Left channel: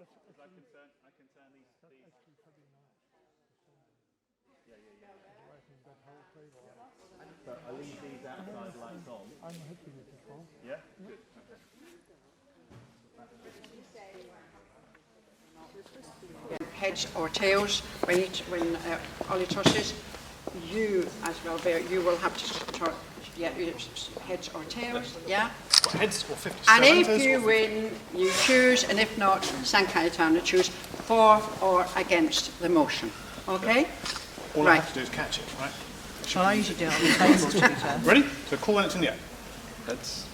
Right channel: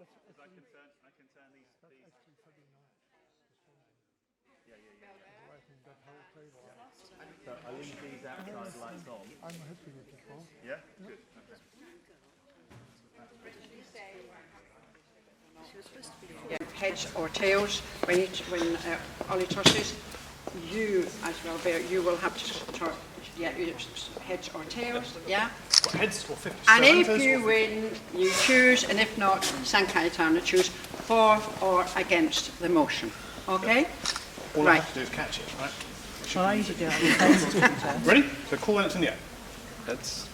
I can turn these. So I leave these outside lights on. I'm happy with this one. Yeah? Good. Heads or tails, when Ollie tosses, you as well, Bear, you will have to heads or tails, yeah? What, heads or 50? And if you win, you choose, and if not, San Cayetano choose for or against the motion, okay? All I have to do is catch it, right? Shall I use it down? Ready? So call when it's in the air. Heads.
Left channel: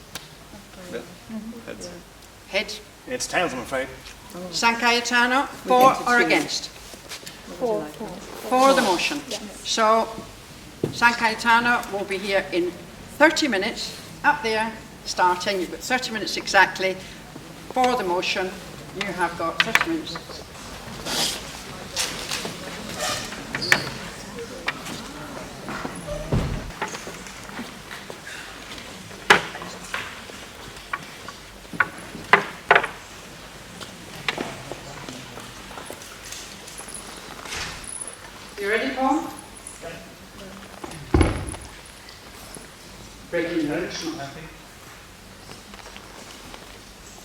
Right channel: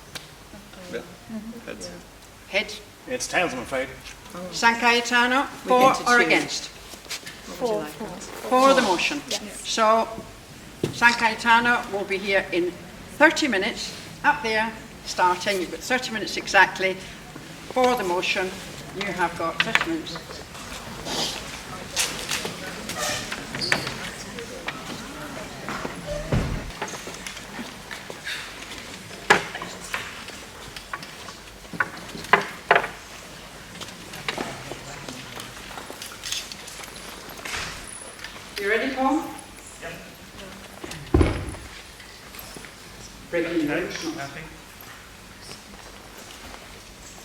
Yeah. Heads. Heads. It's tails, I'm afraid. San Cayetano, for or against? For the motion. Yeah. So San Cayetano will be here in 30 minutes, up there, starting. You've got 30 minutes exactly for the motion. You have got 30 minutes. You ready, Paul? Yeah. Breaking news.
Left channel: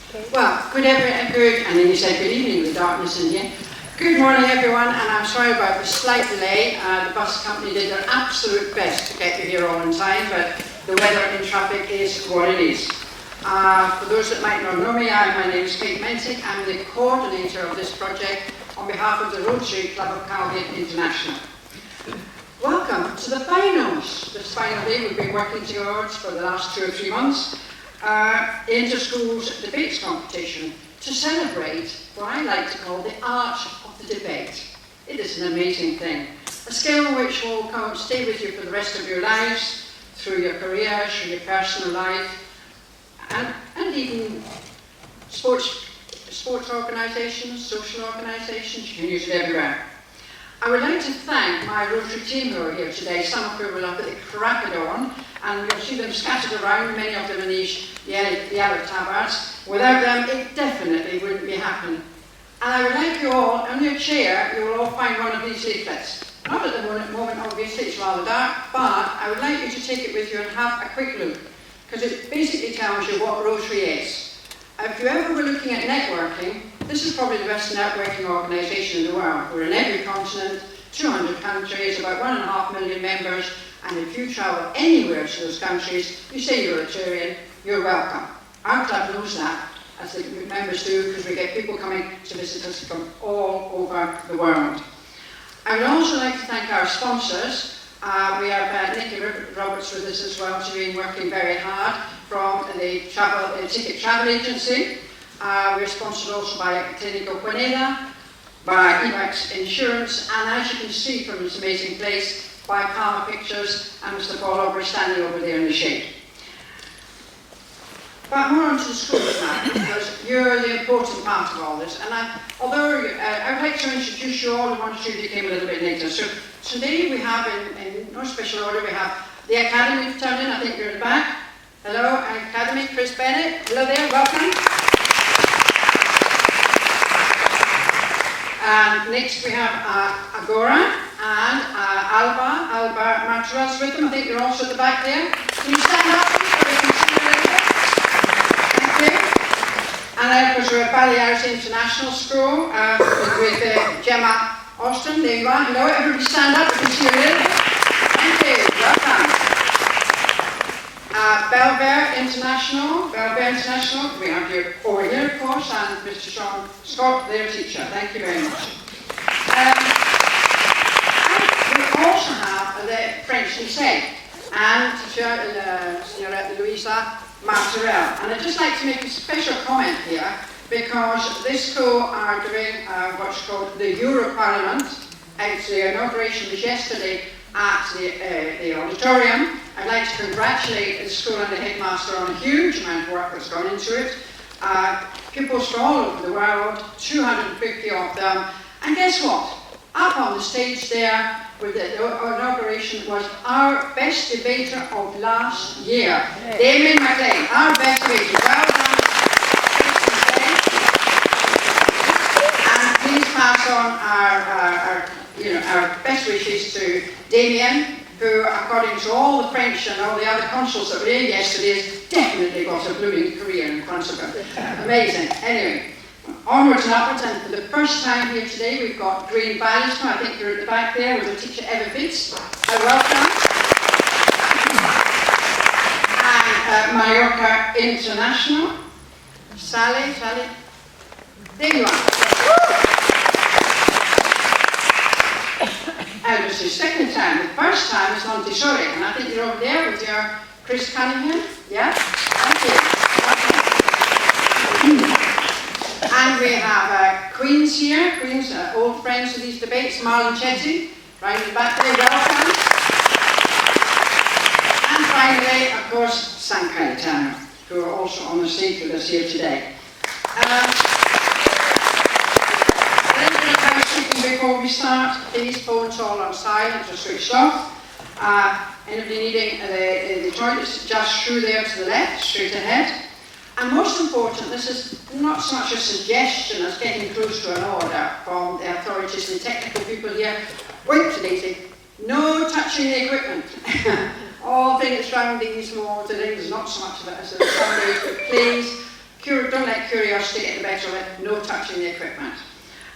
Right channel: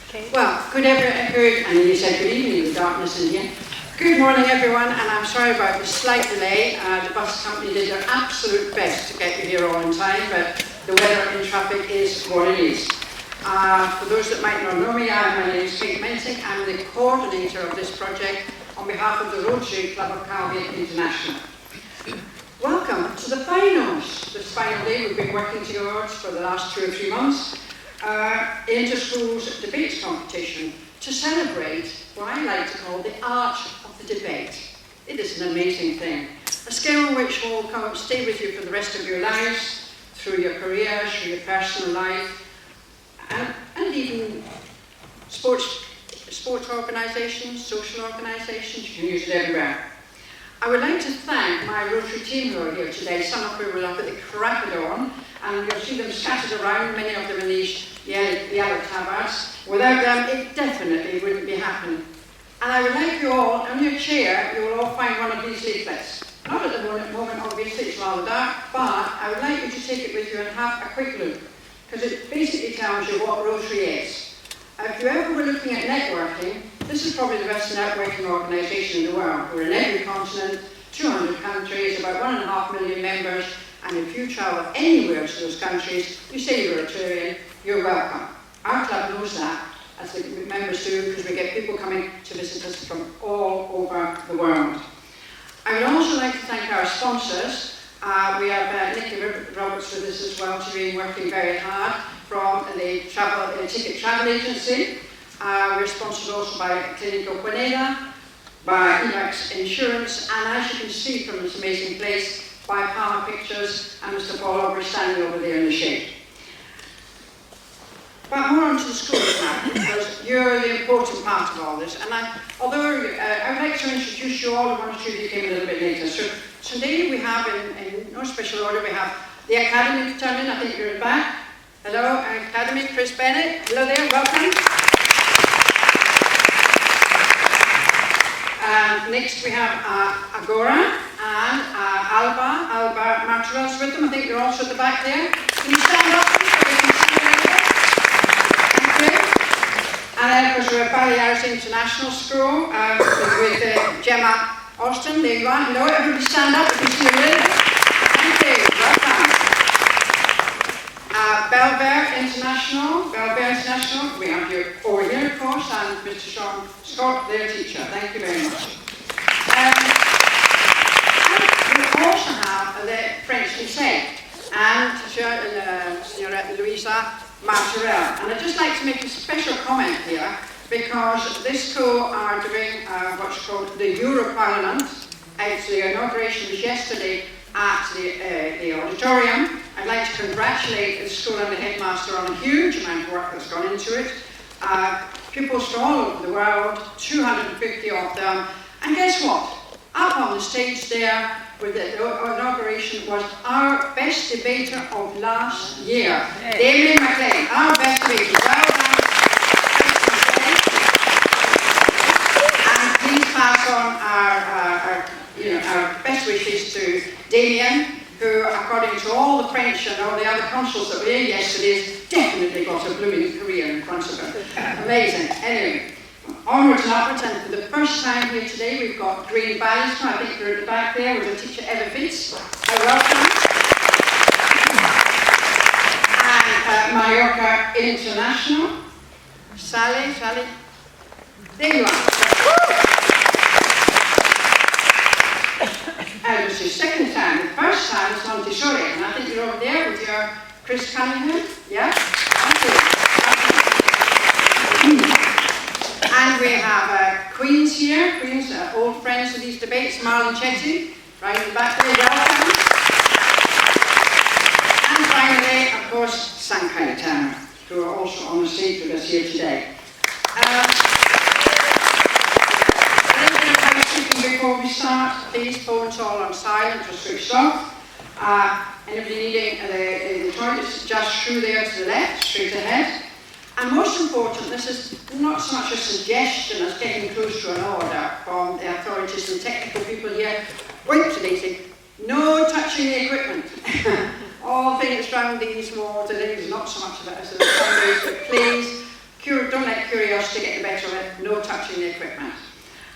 Okay. Well, good, and then you said good evening with the darkness in here. Good morning, everyone, and I'm sorry about the slight delay. The bus company did their absolute best to get you here all in time, but the weather and traffic is what it is. For those that might not know me, my name is Kate Mentick. I'm the coordinator of this project on behalf of the Rotary Club of Calvia International. Welcome to the finals. This final day we've been working towards for the last 2 or 3 months. Inter-schools debates competition to celebrate what I like to call the art of the debate. It is an amazing thing. A skill which will stay with you for the rest of your lives, through your careers, through your personal life, and even sports organisations, social organisations, you can use it everywhere. I would like to thank my Rotary team who are here today, some of whom will up at the crack of dawn, and you'll see them scattered around, many of them in these yellow tabards. Without them, it definitely wouldn't be happening. And I would like you all, on your chair, you will all find one of these leaflets. Not at the moment, obviously, it's rather dark, but I would like you to take it with you and have a quick look, because it basically tells you what Rotary is. If you ever were looking at networking, this is probably the best networking organisation in the world. We're in every continent, 200 countries, about 1.5 million members, and if you travel anywhere to those countries, you say you're a Rotarian, you're welcome. Our club knows that, as the members do, because we get people coming to visit us from all over the world. I would also like to thank our sponsors. We have Nicky Roberts with us as well, who's been working very hard from the ticket travel agency. We're sponsored also by Clínico Quineda, by Emacs Insurance, and as you can see from this amazing place, by Plama Pictures and Mr. Paul Aubrey standing over there in the shade. But more onto the schools now, because you're the important part of all this. And I would like to introduce you all, the 1 or 2 that came a little bit later. So today we have, in no special order, we have the Academy turn in. I think you're in the back. Hello, Academy, Chris Bennett. Hello there, welcome. And next we have Agora and Alba Martorell's with them. I think you're also at the back there. Can you stand up, please, so we can see you a little bit? Thank you. And then, of course, we're at Baleares International School with Gemma Austin. There you are. Hello, everybody stand up. We can see you a little bit. Thank you. Welcome. Belver International, we have you over here, of course, and Mr. Sean Scott, their teacher. Thank you very much. And we also have the French lycée and Señora Louisa Martorell. And I'd just like to make a special comment here, because this school are doing what's called the Euro Parliament. The inauguration was yesterday at the auditorium. I'd like to congratulate the school and the headmaster on a huge amount of work that's gone into it. Pupils from all over the world, 250 of them. And guess what? Up on the stage there with the inauguration was our best debater of last year, Damien McLean, our best debater. Well done. on our best wishes to Damien, who, according to all the French and all the other consuls that were here yesterday, has definitely got a blooming career in front of him. Amazing. Anyway, onwards and upwards, and for the first time here today, we've got Green Ballister. I think they're at the back there with the teacher Eva Fitz. I welcome. And Mallorca International. Sally, there you are. And it's his second time. The first time was Montessori, and I think you're over there with your Chris Cunningham. Yeah? Thank you. And we have Queens here. Queens are old friends of these debates. Marlon Chetty, right in the back there. Welcome. And finally, of course, San Cayetano, who are also on the stage with us here today. A little bit of housekeeping before we start. Please, phones all on silent or switched off. Anybody needing the toilets, just through there to the left, straight ahead. And most important, this is not so much a suggestion as getting close to an order from the authorities and technical people here. Wait today, say, no touching the equipment. All things around these walls, I think there's not so much of that as there are some days, but please, don't let curiosity get the better of it. No touching the equipment.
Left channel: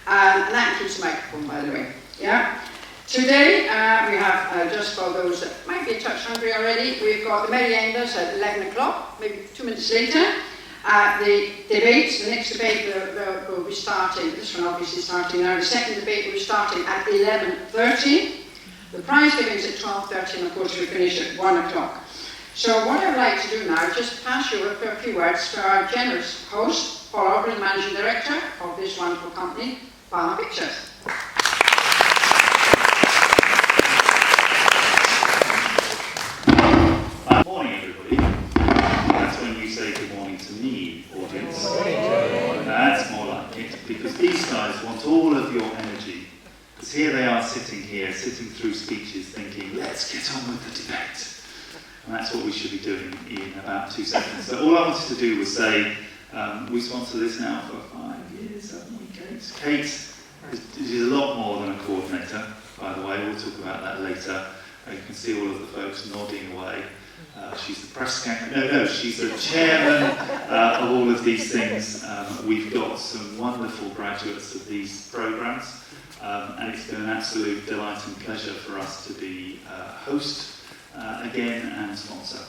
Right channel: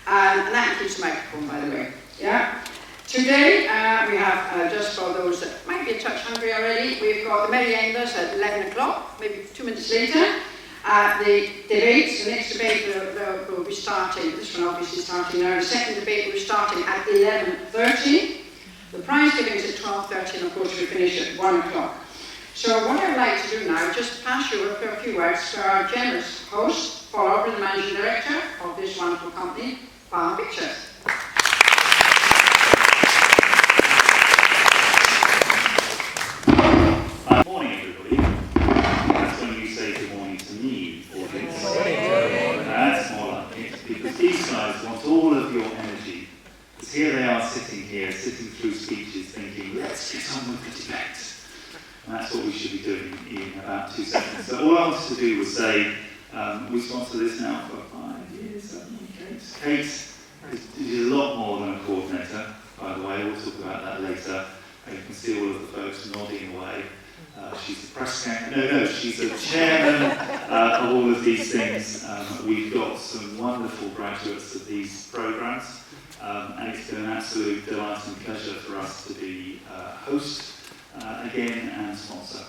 And that includes the microphone, by the way. Yeah. Today, we have, just for those that might be a touch hungry already, we've got the meriendas at 11 o'clock, maybe 2 minutes later. The debates, the next debate will be starting, this one obviously starting now, the second debate will be starting at 11:30. The prize giving is at 12:30, and of course we finish at 1 o'clock. So what I'd like to do now is just pass you over for a few words to our generous host, Paul Aubrey, the Managing Director of this wonderful company, Plama Pictures. Good morning, everybody. That's when you say good morning to me, audience. That's more like it, because these guys want all of your energy. Because here they are sitting through speeches, thinking, let's get on with the debate. And that's what we should be doing in about 2 seconds. So all I wanted to do was say, we sponsor this now for 5 years, haven't we, Kate? Kate is a lot more than a coordinator, by the way. We'll talk about that later. You can see all of the folks nodding away. She's the press secretary. No, she's the chairman of all of these things. We've got some wonderful graduates of these programs, and it's been an absolute delight and pleasure for us to be host again and sponsor.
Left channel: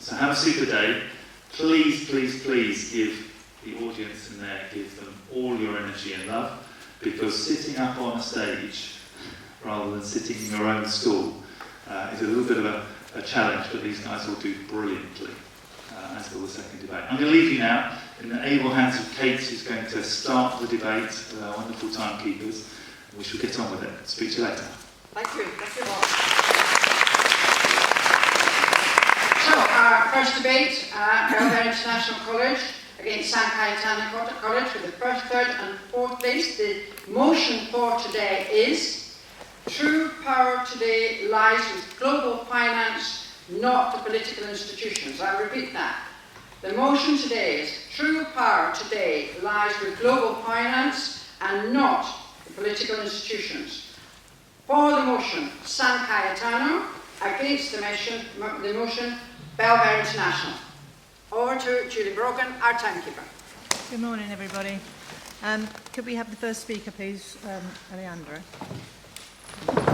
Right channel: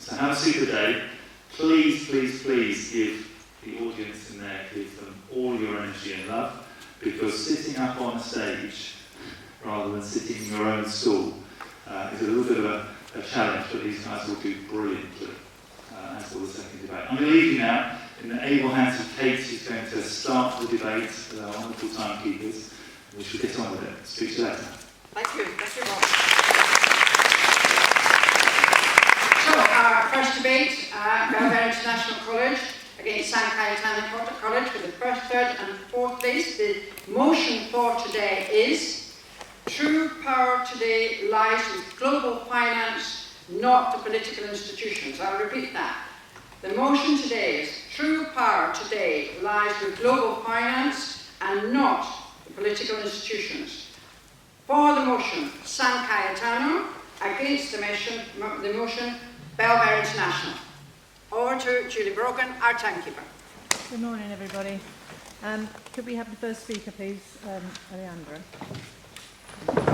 So have a super day. Please, please, please give the audience in there, give them all your energy and love, because sitting up on stage rather than sitting in your own school is a little bit of a challenge, but these guys will do brilliantly as for the second debate. I'm going to leave you now in the able hands of Kate, who's going to start the debate with our wonderful timekeepers. We should get on with it. Speak to you later. Thank you. Thank you, Bob. So, our first debate, Belvedere International College against San Cayetano College for the first, third and fourth place. The motion for today is true power today lies with global finance, not the political institutions. I'll repeat that. The motion today is true power today lies with global finance and not the political institutions. For the motion, San Cayetano. Against the motion, Belvedere International. Over to Julie Brogan, our timekeeper. Good morning, everybody. Could we have the first speaker, please, Alejandro? Sorry.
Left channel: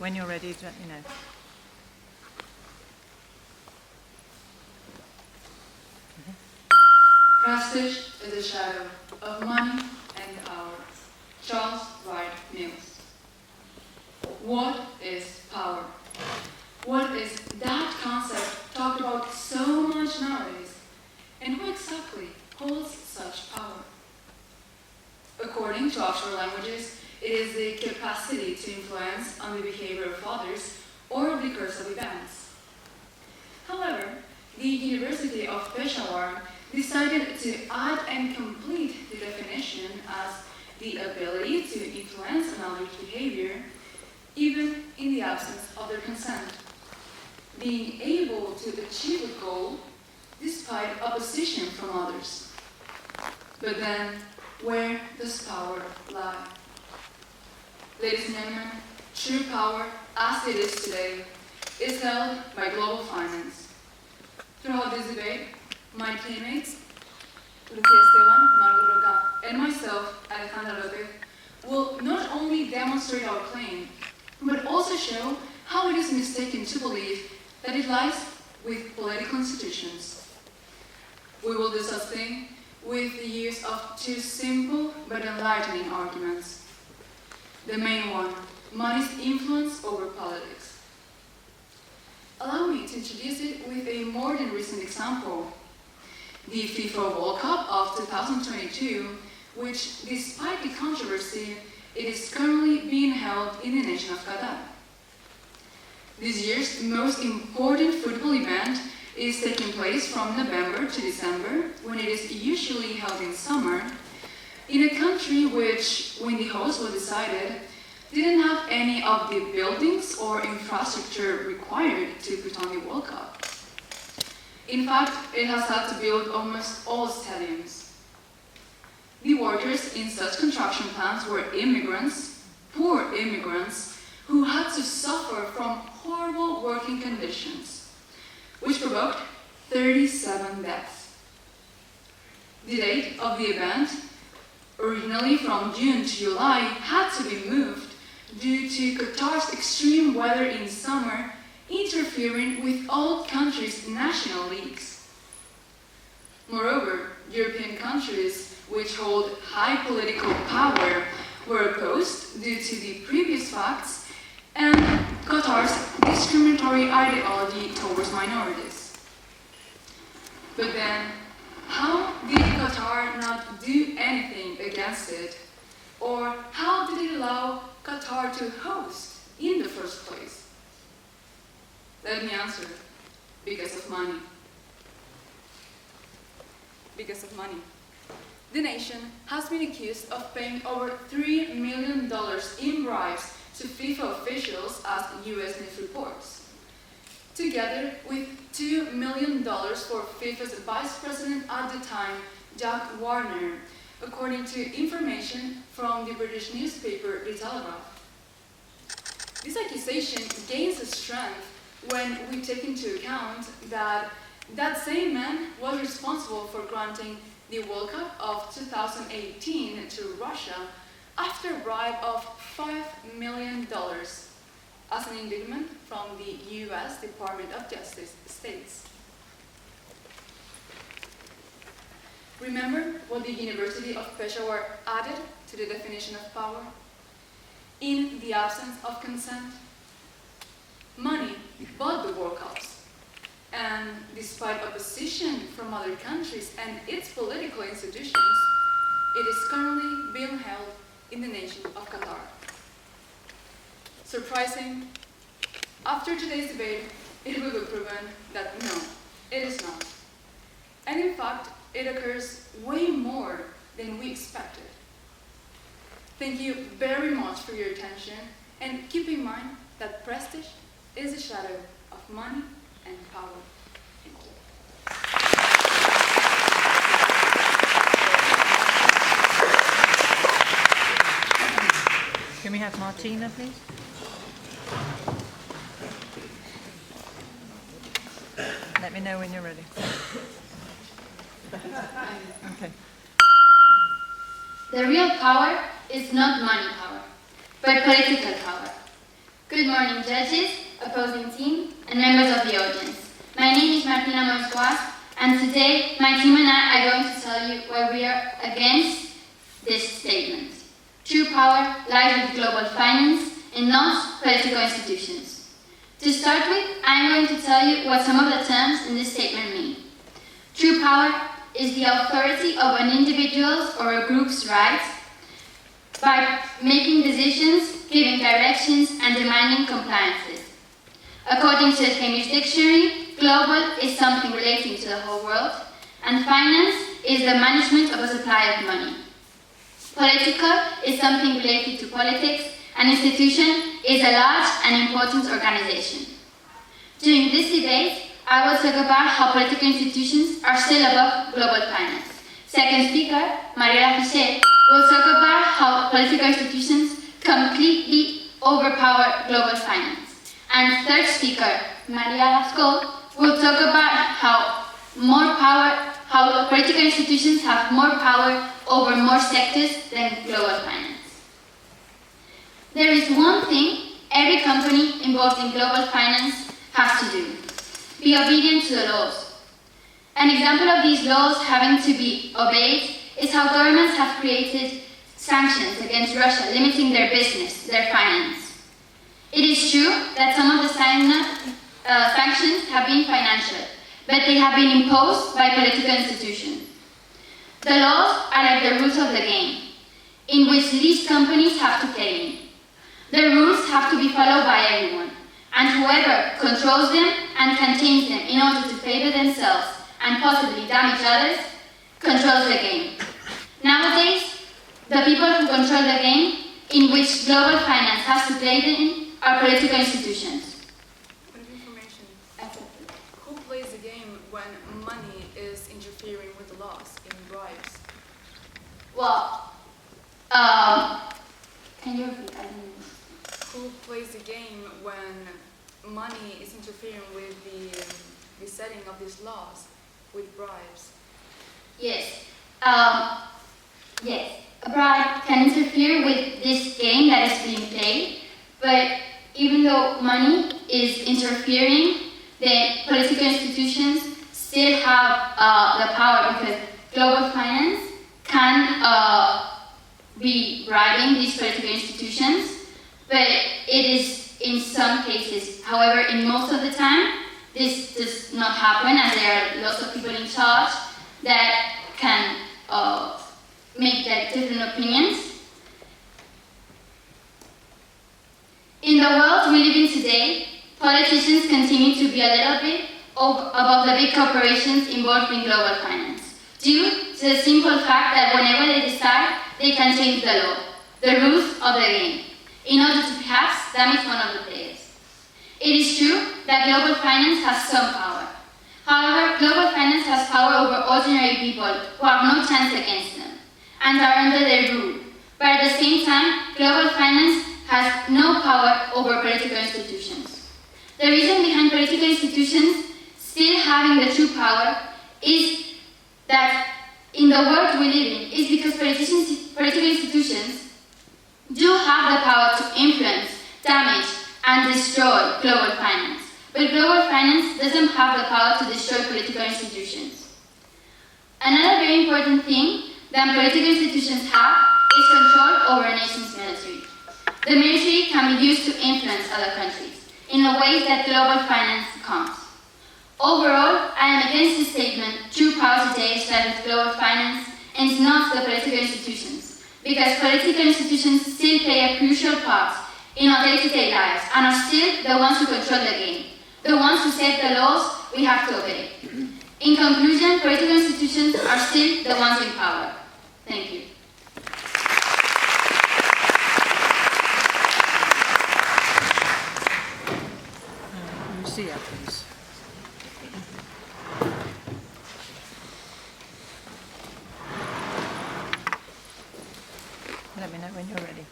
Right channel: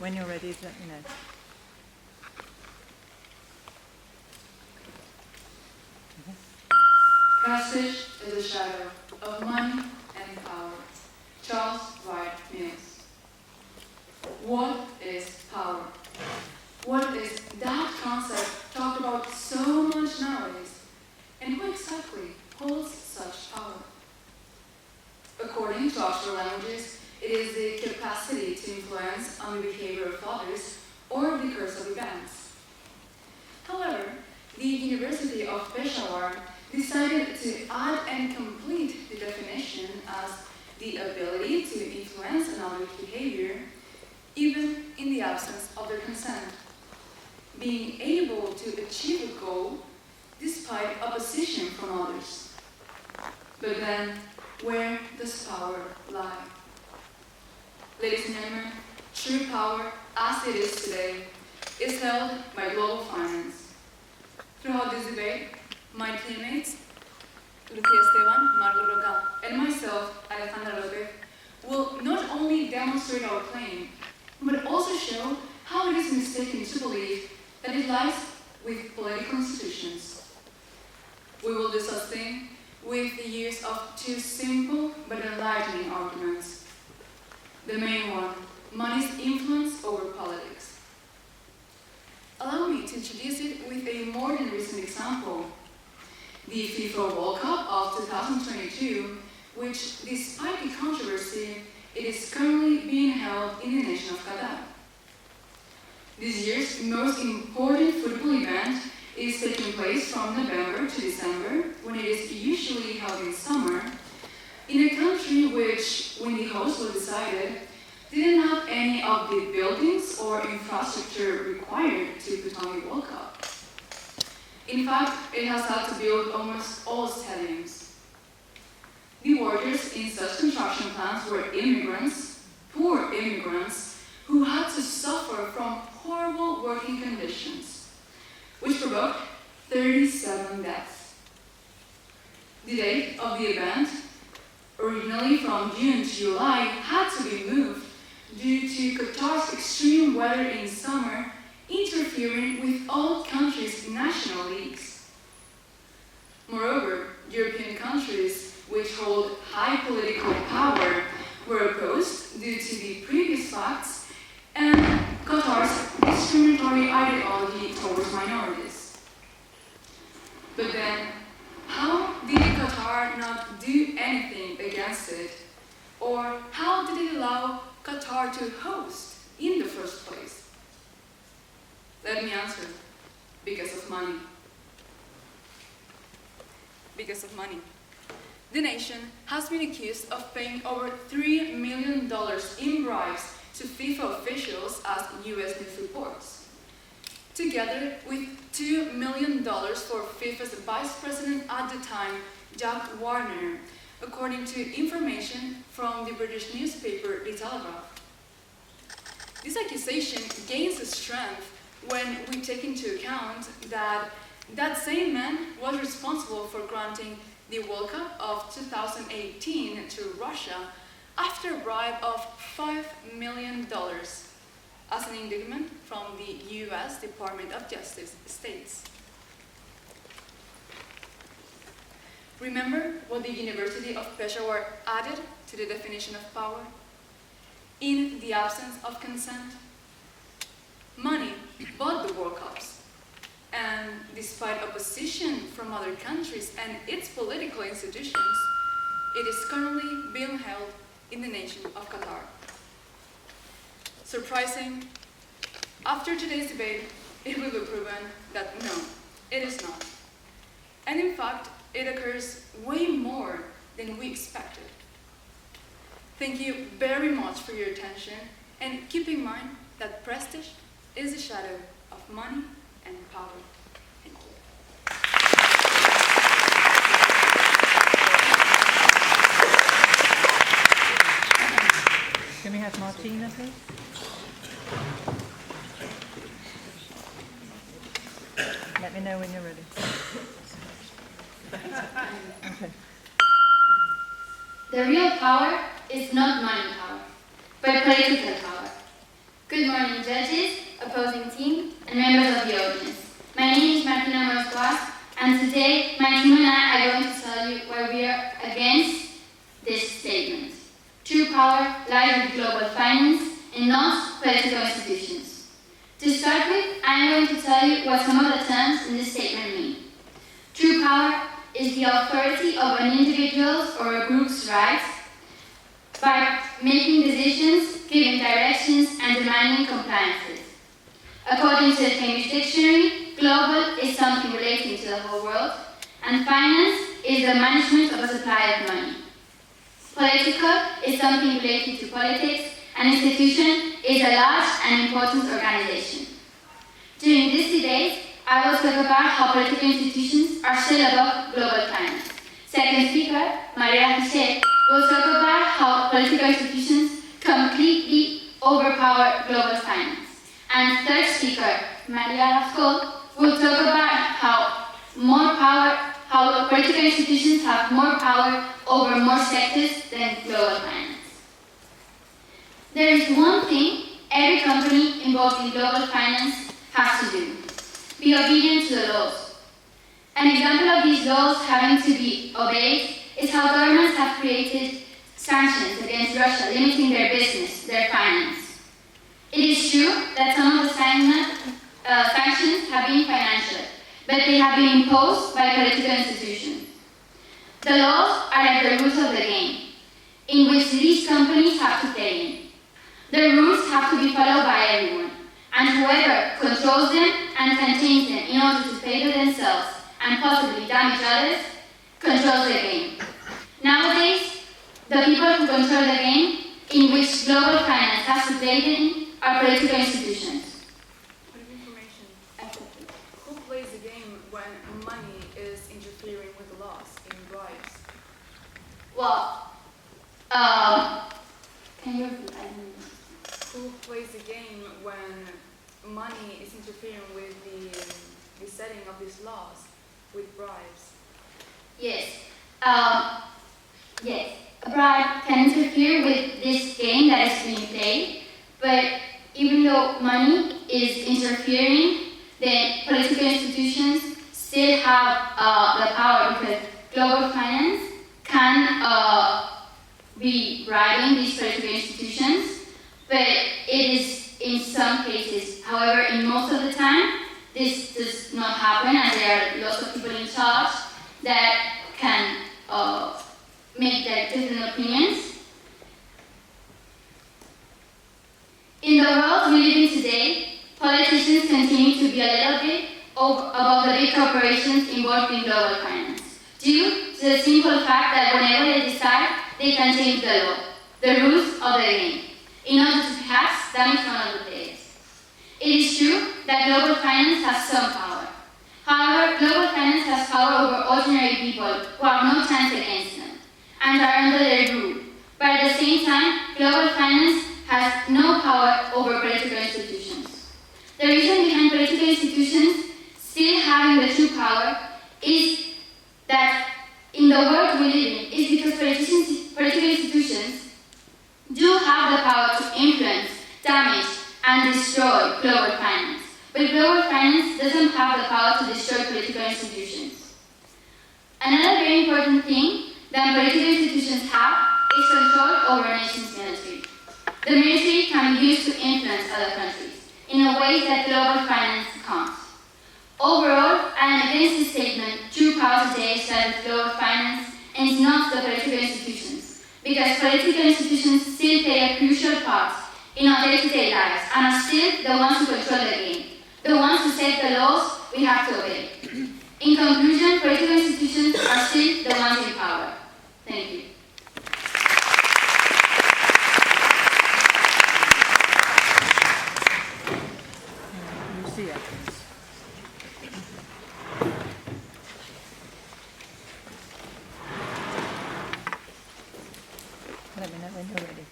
When you're ready, let me know. Passage in the shadow of money and power. Charles Wright Mills. What is power? What is that concept talked about so much nowadays? And who exactly holds such power? According to Oxford Languages, it is the capacity to influence on the behavior of others or the course of events. However, the University of Peshawar decided to add and complete the definition as the ability to influence another's behavior even in the absence of their consent. Being able to achieve a goal despite opposition from others. But then, where does power lie? Ladies and gentlemen, true power, as it is today, is held by global finance. Throughout this debate, my teammates, Lucía Esteban, Margot Roca, and myself, Alejandra Lopez, will not only demonstrate our claim, but also show how it is mistaken to believe that it lies with political institutions. We will do such thing with the use of two simple but enlightening arguments. The main one, money's influence over politics. Allow me to introduce it with a more than recent example. The FIFA World Cup of 2022, which, despite the controversy, it is currently being held in the nation of Qatar. This year's most important football event is taking place from November to December, when it is usually held in summer, in a country which, when the host was decided, didn't have any of the buildings or infrastructure required to put on the World Cup. In fact, it has had to build almost all stadiums. The workers in such construction plants were immigrants, poor immigrants, who had to suffer from horrible working conditions, which provoked 37 deaths. The date of the event, originally from June to July, had to be moved due to Qatar's extreme weather in summer interfering with all countries' national leagues. Moreover, European countries which hold high political power were opposed due to the previous facts and Qatar's discriminatory ideology towards minorities. But then, how did Qatar not do anything against it? Or how did it allow Qatar to host in the first place? Let me answer. Because of money. Because of money. The nation has been accused of paying over $3 million in bribes to FIFA officials, as US news reports, together with $2 million for FIFA's vice president at the time, Jack Warner, according to information from the British newspaper The Telegraph. This accusation gains strength when we take into account that that same man was responsible for granting the World Cup of 2018 to Russia after a bribe of $5 million, as an indictment from the US Department of Justice states. Remember what the University of Peshawar added to the definition of power? In the absence of consent, money bought the World Cups, and despite opposition from other countries and its political institutions, it is currently being held in the nation of Qatar. Surprising? After today's debate, it will be proven that no, it is not. And in fact, it occurs way more than we expected. Thank you very much for your attention, and keep in mind that prestige is a shadow of money and power. Thank you. Can we have Martina, please? Let me know when you're ready. Okay. The real power is not money power, but political power. Good morning, judges, opposing team, and members of the audience. My name is Martina Moscoas, and today my team and I are going to tell you why we are against this statement. True power lies with global finance and not political institutions. To start with, I am going to tell you what some of the terms in this statement mean. True power is the authority of an individual's or a group's rights by making decisions, giving directions, and demanding compliances. According to the Cambridge Dictionary, global is something relating to the whole world, and finance is the management of a supply of money. Political is something related to politics, and institution is a large and important organization. During this debate, I will talk about how political institutions are still above global finance. Second speaker, Maria Jose, will talk about how political institutions completely overpower global finance. And third speaker, Maria Lascaux, will talk about how political institutions have more power over more sectors than global finance. There is one thing every company involved in global finance has to do: be obedient to the laws. An example of these laws having to be obeyed is how governments have created sanctions against Russia, limiting their business, their finance. It is true that some of the sanctions have been financial, but they have been imposed by political institutions. The laws are like the rules of the game, in which these companies have to play in. The rules have to be followed by everyone, and whoever controls them and contains them in order to favor themselves and possibly damage others controls the game. Nowadays, the people who control the game in which global finance has to play in are political institutions. Point of information. Who plays the game when money is interfering with the laws, in bribes? Well, can you repeat? I didn't know. Who plays the game when money is interfering with the setting of these laws, with bribes? Yes. Yes. A bribe can interfere with this game that is being played, but even though money is interfering, then political institutions still have the power, because global finance can be bribing these political institutions, but it is in some cases. However, in most of the time, this does not happen, and there are lots of people in charge that can make their different opinions. In the world we live in today, politicians continue to be a little bit above the big corporations involved in global finance, due to the simple fact that whenever they decide, they can change the law, the rules of the game, in order to perhaps damage one of the players. It is true that global finance has some power. However, global finance has power over ordinary people who have no chance against them and are under their rule. But at the same time, global finance has no power over political institutions. The reason behind political institutions still having the true power is that in the world we live in is because political institutions do have the power to influence, damage, and destroy global finance. But global finance doesn't have the power to destroy political institutions. Another very important thing that political institutions have is control over a nation's military. The military can be used to influence other countries in a way that global finance can't. Overall, I am against the statement, true power today started with global finance and not the political institutions, because political institutions still play a crucial part in our day-to-day lives and are still the ones who control the game, the ones who set the laws we have to obey. In conclusion, political institutions are still the ones in power. Thank you. Lucia, please. Let me know when you're ready.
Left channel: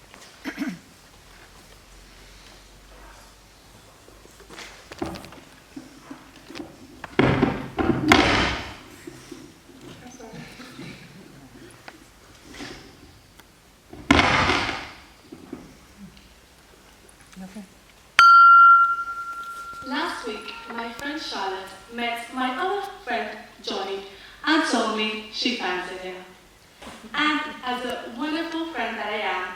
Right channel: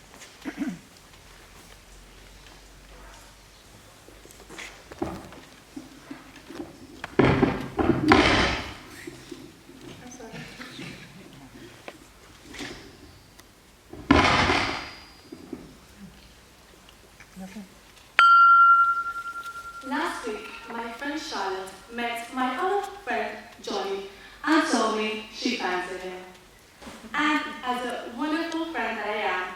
Last week, my friend Charlotte met my other friend Johnny and told me she fancied him. And as a wonderful friend that I am,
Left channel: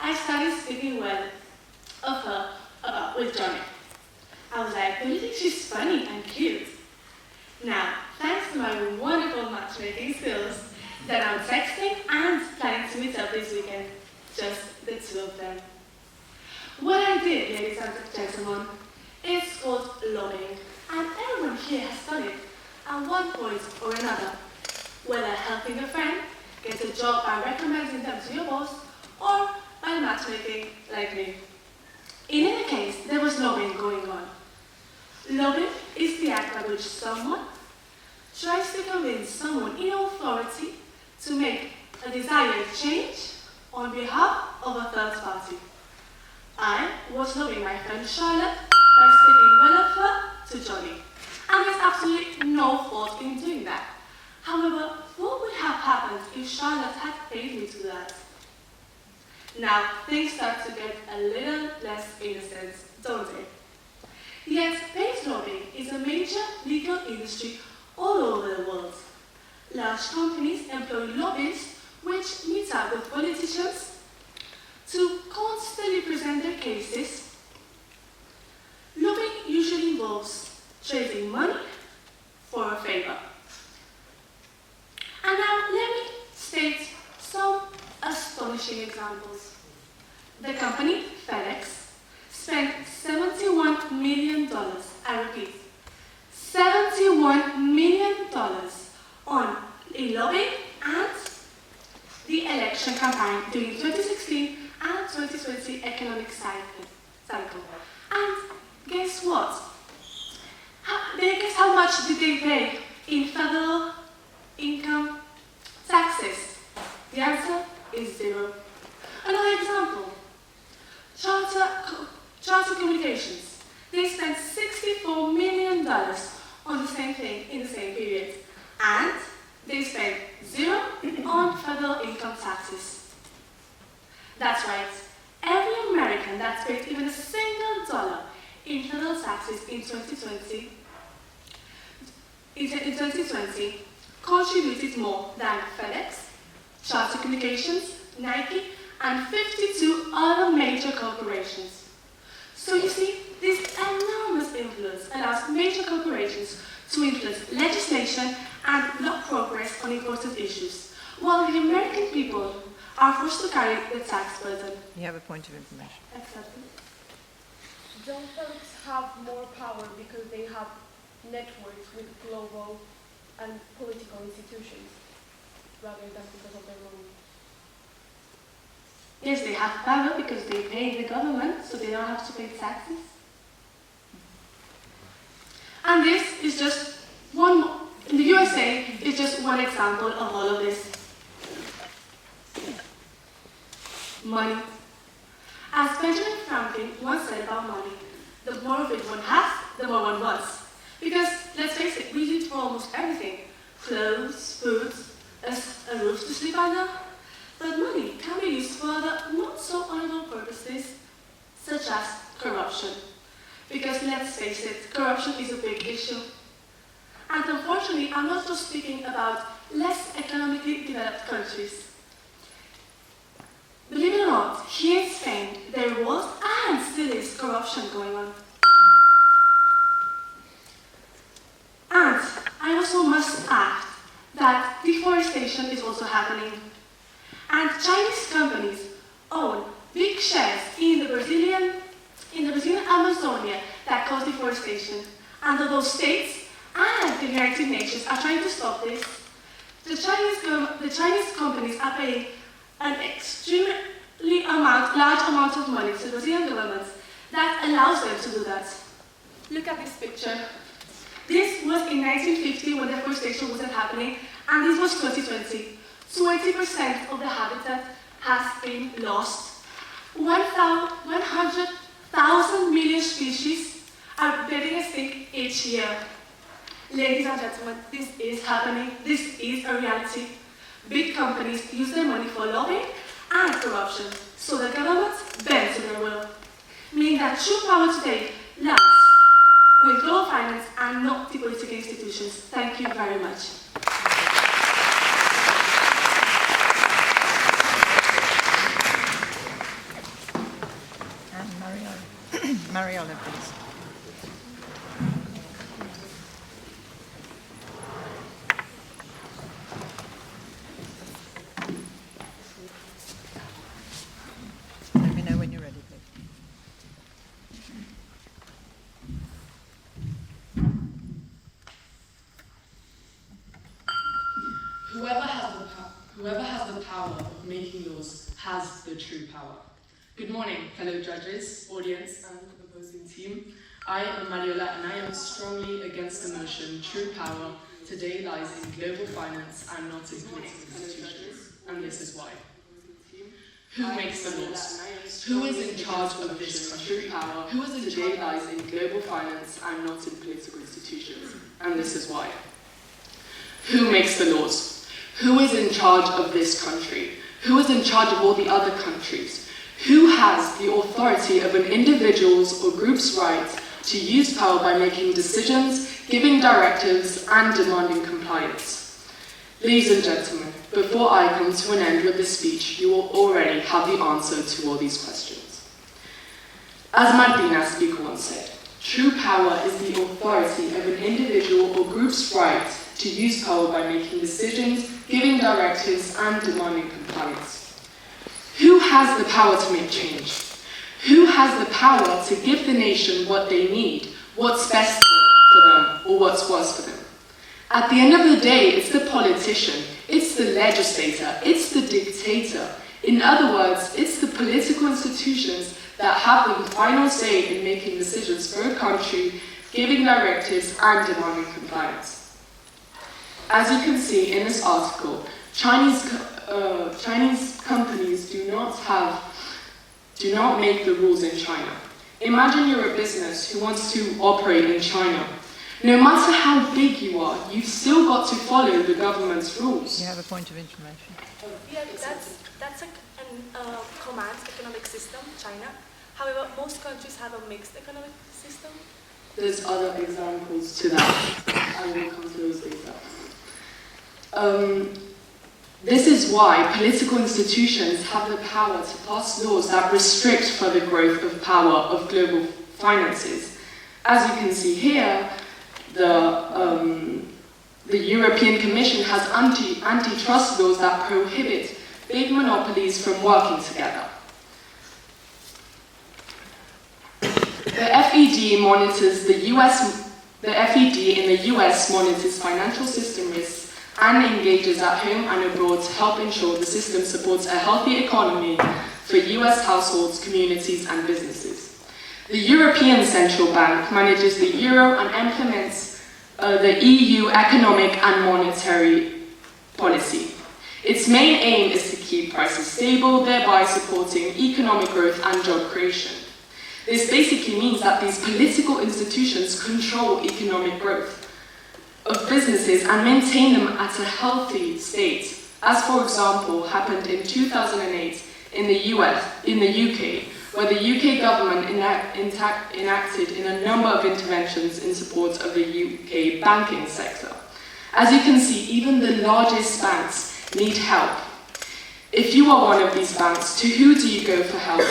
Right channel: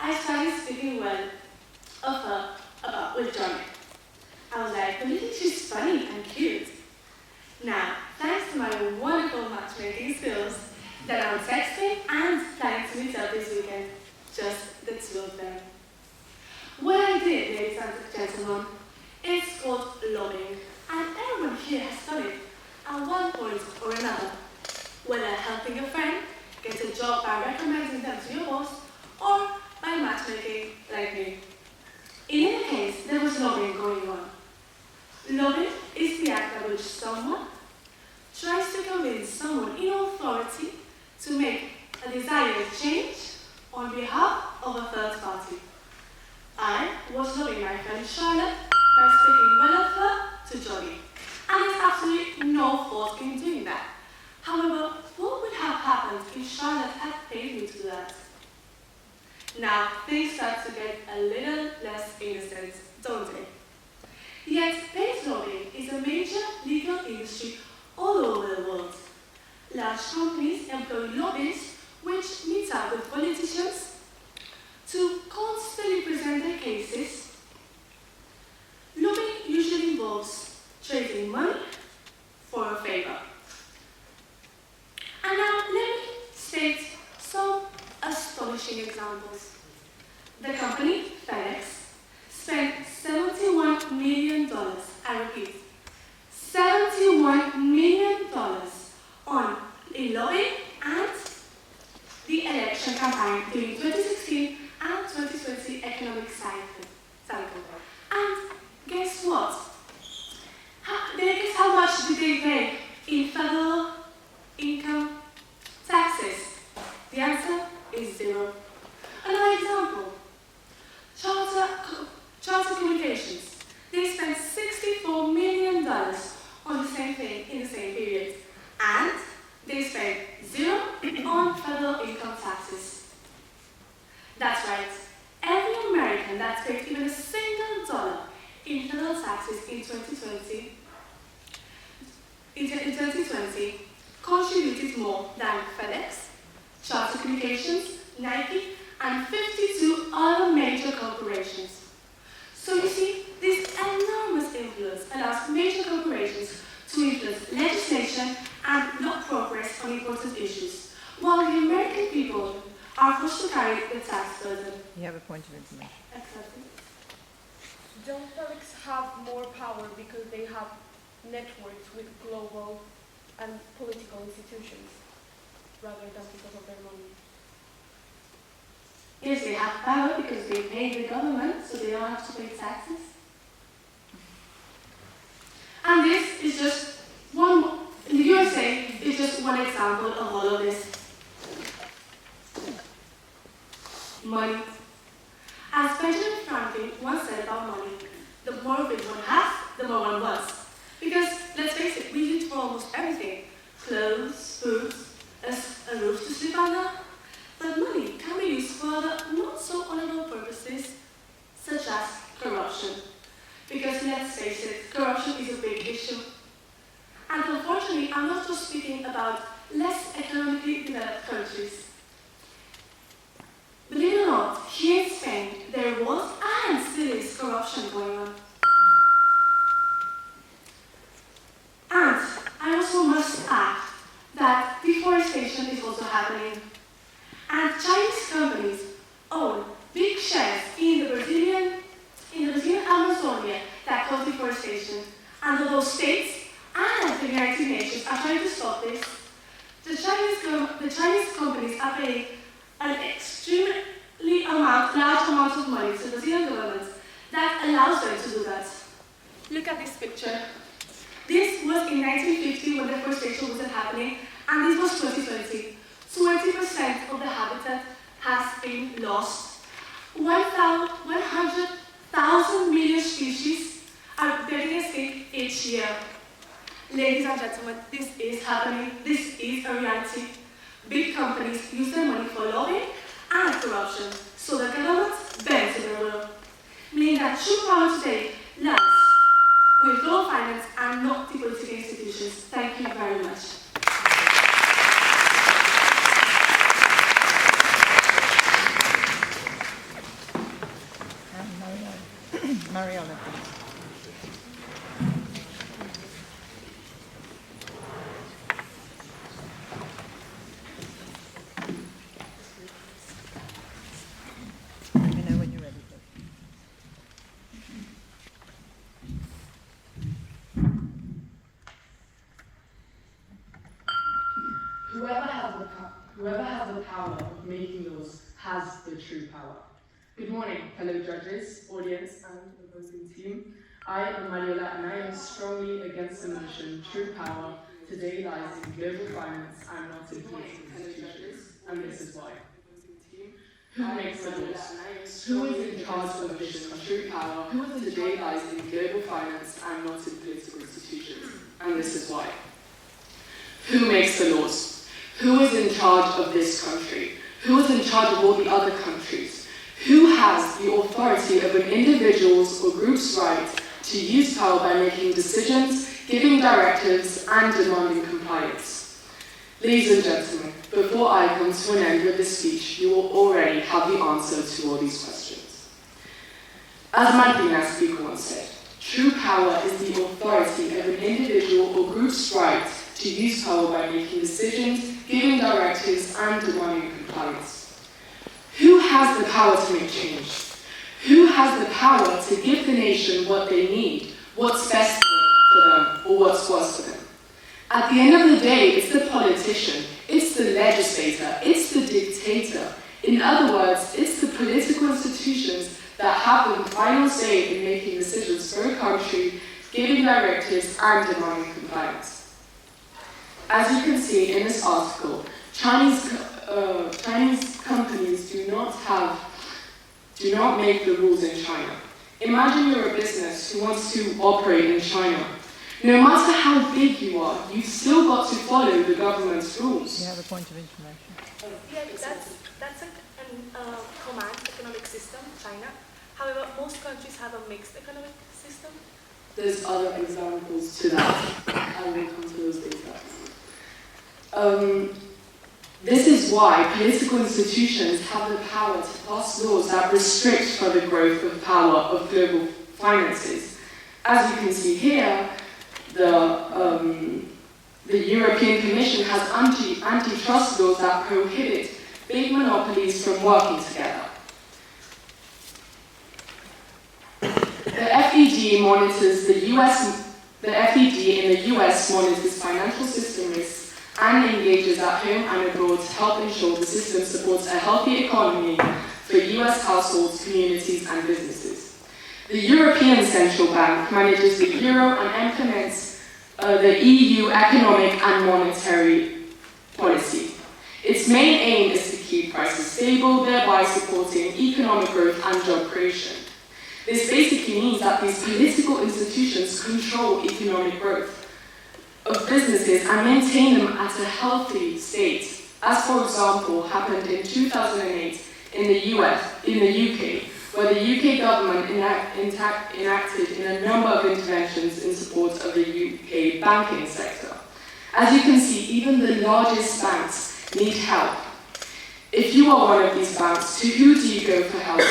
I started speaking well of her with Johnny. I was like, don't you think she's funny and cute? Now, thanks to my wonderful matchmaking skills, that I'm texting and planning to meet up this weekend, just the two of them. What I did, ladies and gentlemen, is called lobbying, and everyone here has done it at one point or another, whether helping a friend get a job by recommending them to your boss, or by matchmaking like me. In any case, there was lobbying going on. Lobbying is the act by which someone tries to convince someone in authority to make a desired change on behalf of a third party. I was loving my friend Charlotte by speaking well of her to Johnny, and there's absolutely no fault in doing that. However, what would have happened if Charlotte had paid me to do that? Now, things start to get a little less innocent, don't they? Yet, paid lobbying is a major legal industry all over the world. Large companies employ lobbyists which meet up with politicians to constantly present their cases. Lobbying usually involves trading money for a favor. And now let me state some astonishing examples. The company, FedEx, spent $71 million, I repeat, $71 million on a lobbying and the election campaign during 2016 and 2020 economic cycle. And guess what? Guess how much did they pay in federal income taxes? The answer is zero. Another example, Charter Communications. They spent $64 million on the same thing in the same period, and they spent zero on federal income taxes. That's right. Every American that paid even a single dollar in federal taxes in 2020 contributed more than FedEx, Charter Communications, Nike, and 52 other major corporations. So you see, this enormous influence allows major corporations to influence legislation and block progress on important issues, while the American people are forced to carry the tax burden. You have a point of information. Exactly. Don't FedEx have more power because they have networks with global and political institutions rather than because of their money? Yes, they have power because they pay the government, so they don't have to pay taxes. And this is just one, in the USA, is just one example of all of this. Money. As Benjamin Franklin once said about money, the more of it one has, the more one wants. Because, let's face it, we use it for almost everything. Clothes, food, a roof to sleep under. But money can be used for other not so honorable purposes, such as corruption. Because let's face it, corruption is a big issue. And unfortunately, I'm not just speaking about less economically developed countries. Believe it or not, here in Spain, there was and still is corruption going on. And I also must add that deforestation is also happening. And Chinese companies own big shares in the Brazilian Amazonia that cause deforestation. And although states and the United Nations are trying to stop this, the Chinese companies are paying an extremely large amount of money to the Brazilian government that allows them to do that. Look at this picture. This was in 1950 when deforestation wasn't happening, and this was 2020. 20% of the habitat has been lost. 100,000 million species are getting extinct each year. Ladies and gentlemen, this is happening. This is a reality. Big companies use their money for lobbying and corruption, so the government bends to their will. Meaning that true power today lies with global finance and not the political institutions. Thank you very much. Mariana, please. Let me know when you're ready, please. Whoever has the power of making laws has the true power. Good morning, fellow judges, audience, and opposing team. I am Mariola, and I am strongly against the motion, true power, to today lies in global finance and not in political institutions, and this is why. Who makes the laws? Who is in charge of this country? Who is today lies in global finance and not in political institutions, and this is why. Who makes the laws? Who is in charge of this country? Who is in charge of all the other countries? Who has the authority of an individual's or group's right to use power by making decisions, giving directives, and demanding compliance? Ladies and gentlemen, before I come to an end with this speech, you will already have the answer to all these questions. As Martina speaker once said, true power is the authority of an individual or group's right to use power by making decisions, giving directives, and demanding compliance. Who has the power to make change? Who has the power to give the nation what they need, what's best for them, or what's worse for them? At the end of the day, it's the politician, it's the legislator, it's the dictator. In other words, it's the political institutions that have the final say in making decisions for a country, giving directives, and demanding compliance. As you can see in this article, Chinese companies do not make the rules in China. Imagine you're a business who wants to operate in China. No matter how big you are, you've still got to follow the government's rules. You have a point of information. Yeah, that's a command economic system, China. However, most countries have a mixed economic system. There's other examples to that. I will come to those later. This is why political institutions have the power to pass laws that restrict further growth of power of global finances. As you can see here, the European Commission has antitrust laws that prohibit big monopolies from working together. The FED monitors the FED in the US monitors financial system risks and engages at home and abroad to help ensure the system supports a healthy economy for US households, communities, and businesses. The European Central Bank manages the euro and implements the EU economic and monetary policy. Its main aim is to keep prices stable, thereby supporting economic growth and job creation. This basically means that these political institutions control economic growth of businesses and maintain them at a healthy state, as for example happened in 2008 in the UK, where the UK government enacted in a number of interventions in support of the UK banking sector. As you can see, even the largest banks need help. If you are one of these banks, to who do you go for help?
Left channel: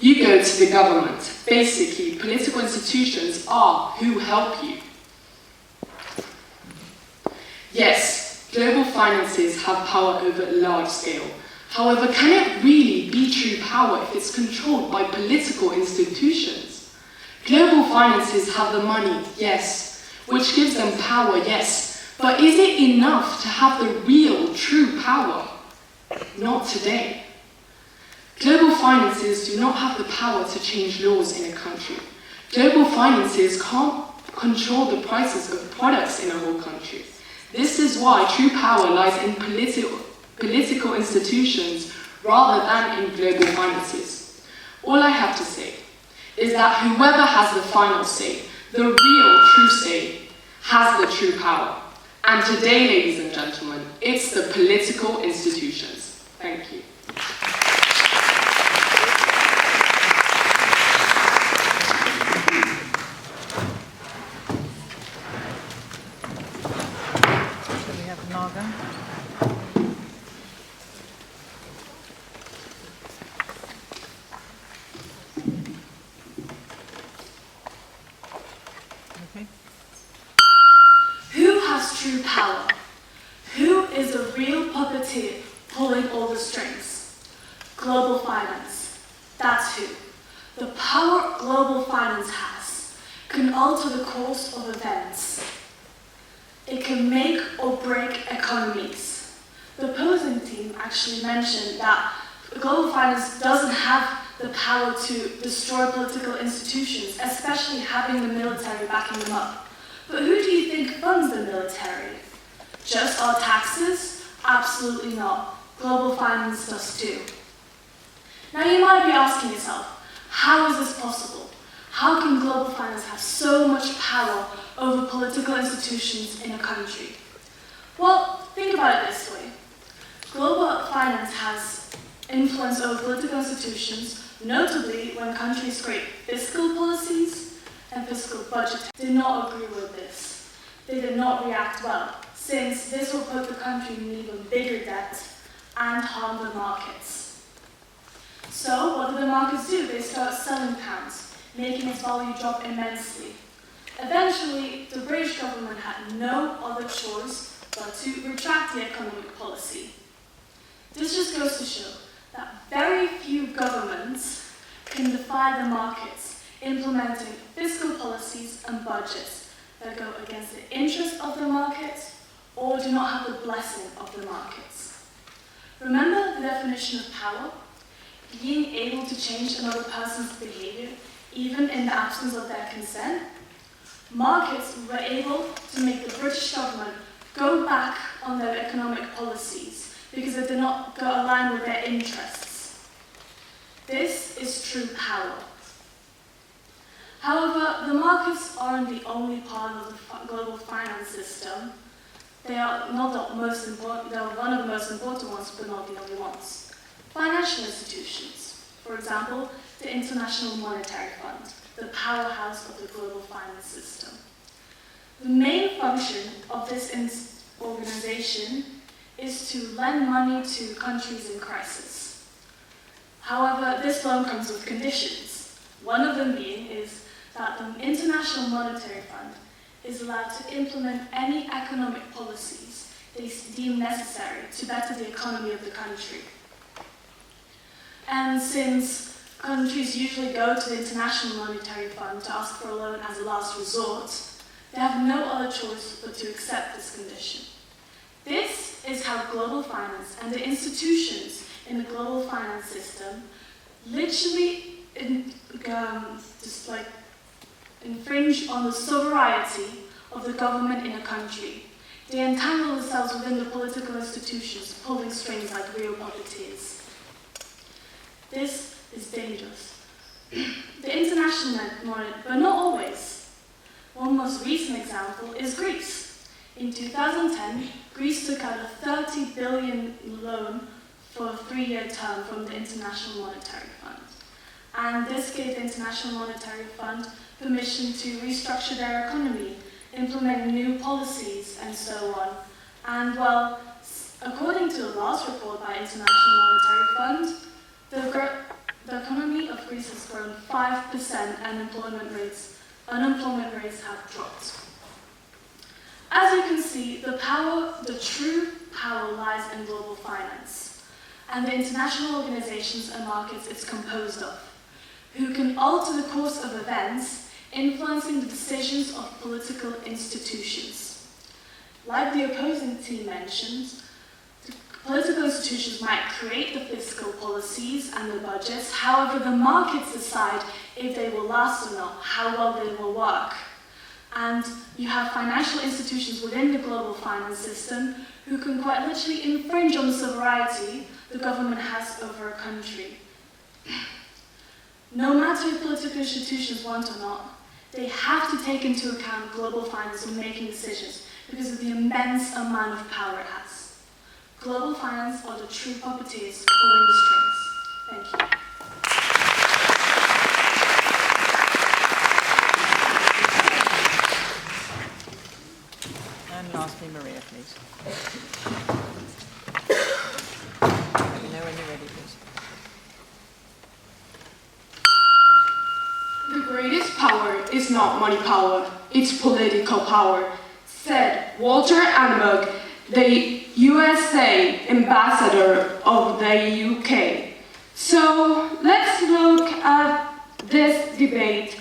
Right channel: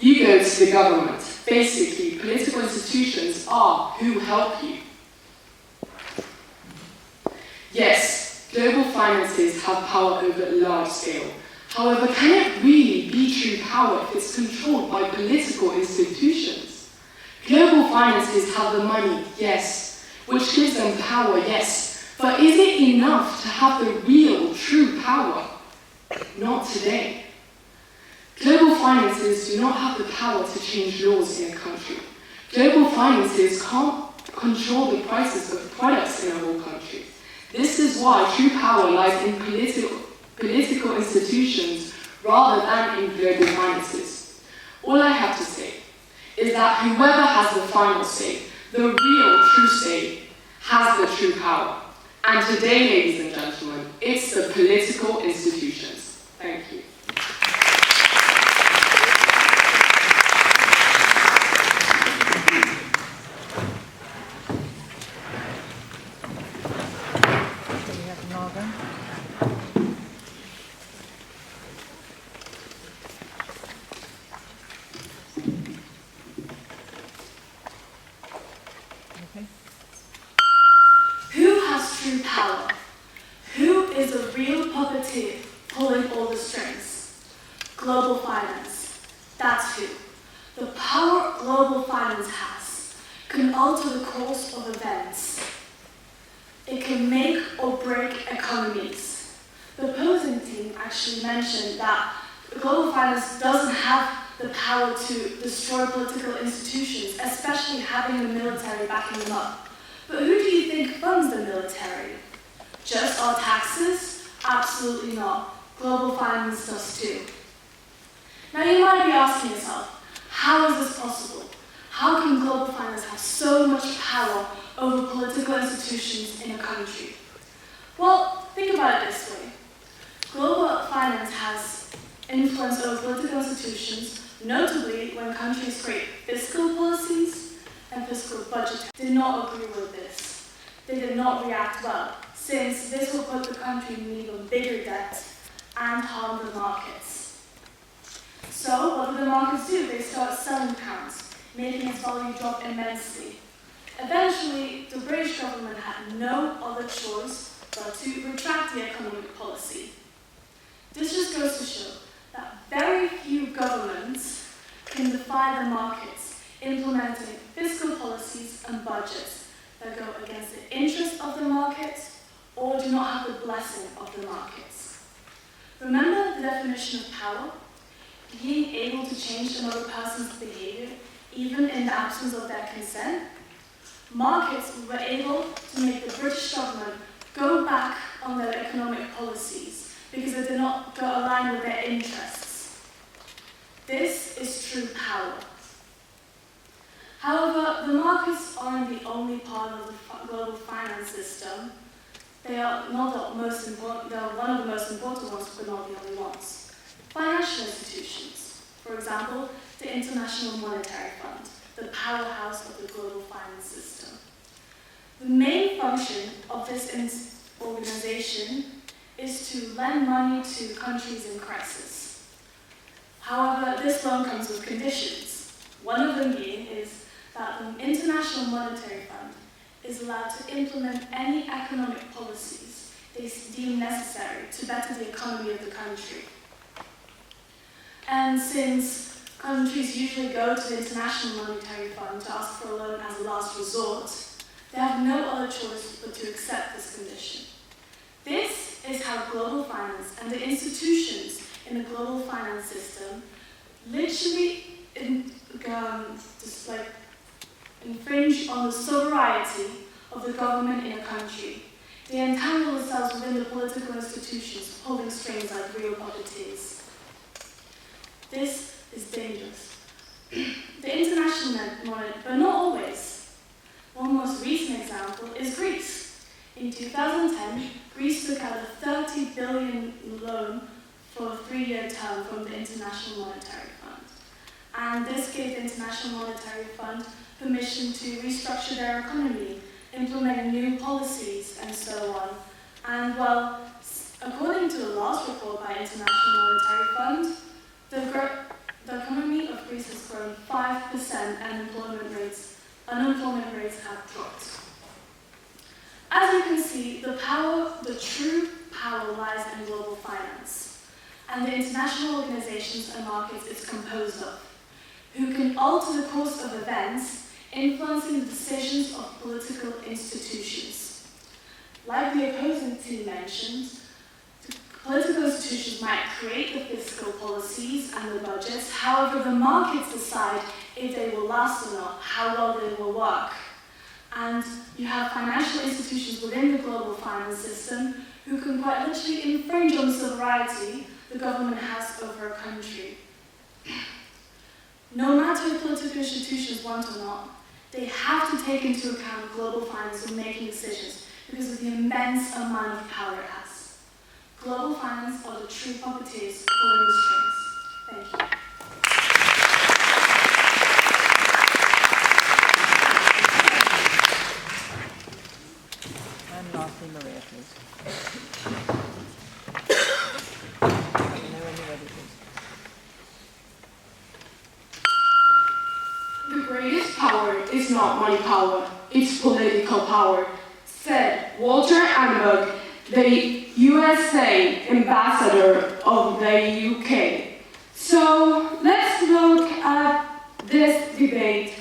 You go to the government. Basically, political institutions are who help you. Yes, global finances have power over a large scale. However, can it really be true power if it's controlled by political institutions? Global finances have the money, yes, which gives them power, yes, but is it enough to have the real, true power? Not today. Global finances do not have the power to change laws in a country. Global finances can't control the prices of products in a whole country. This is why true power lies in political institutions rather than in global finances. All I have to say is that whoever has the final say, the real true say, has the true power. And today, ladies and gentlemen, it's the political institutions. Thank you. Who has true power? Who is the real puppeteer pulling all the strings? Global finance. That's who. The power global finance has can alter the course of events. It can make or break economies. The opposing team actually mentioned that global finance doesn't have the power to destroy political institutions, especially having the military backing them up. But who do you think think funds the military? Just our taxes? Absolutely not. Global finance does too. Now you might be asking yourself, how is this possible? How can global finance have so much power over political institutions in a country? Well, think about it this way. Global finance has influence over political institutions, notably when countries create fiscal policies and fiscal budgets. Did not agree with this. They did not react well, since this will put the country in even bigger debt and harm the markets. So what do the markets do? They start selling pounds, making its value drop immensely. Eventually, the British government had no other choice but to retract the economic policy. This just goes to show that very few governments can defy the markets, implementing fiscal policies and budgets that go against the interests of the markets or do not have the blessing of the markets. Remember the definition of power? Being able to change another person's behavior, even in the absence of their consent? Markets were able to make the British government go back on their economic policies because they did not go align with their interests. This is true power. However, the markets aren't the only part of the global finance system. They are not the most important, they are one of the most important ones, but not the only ones. Financial institutions, for example, the International Monetary Fund, the powerhouse of the global finance system. The main function of this organization is to lend money to countries in crisis. However, this loan comes with conditions. One of them being is that the International Monetary Fund is allowed to implement any economic policies they deem necessary to better the economy of the country. And since countries usually go to the International Monetary Fund to ask for a loan as a last resort, they have no other choice but to accept this condition. This is how global finance and the institutions in the global finance system literally infringe on the sovereignty of the government in a country. They entangle themselves within the political institutions, pulling strings like real puppeteers. This is dangerous. The international money, but not always. One most recent example is Greece. In 2010, Greece took out a 30 billion loan for a 3-year term from the International Monetary Fund. And this gave the International Monetary Fund permission to restructure their economy, implement new policies, and so on. And well, according to the last report by International Monetary Fund, the economy of Greece has grown 5% and unemployment rates have dropped. As you can see, the true power lies in global finance and the international organizations and markets it's composed of, who can alter the course of events, influencing the decisions of political institutions. Like the opposing team mentioned, the political institutions might create the fiscal policies and the budgets, however the markets decide if they will last or not, how well they will work. And you have financial institutions within the global finance system who can quite literally infringe on the sovereignty the government has over a country. No matter if political institutions want or not, they have to take into account global finance when making decisions because of the immense amount of power it has. Global finance are the true puppeteers pulling the strings. Thank you. And lastly, Maria, please. Let me know when you're ready, please. The greatest power is not money power, it's political power, said Walter Annenberg, the USA ambassador of the UK. So let's look at this debate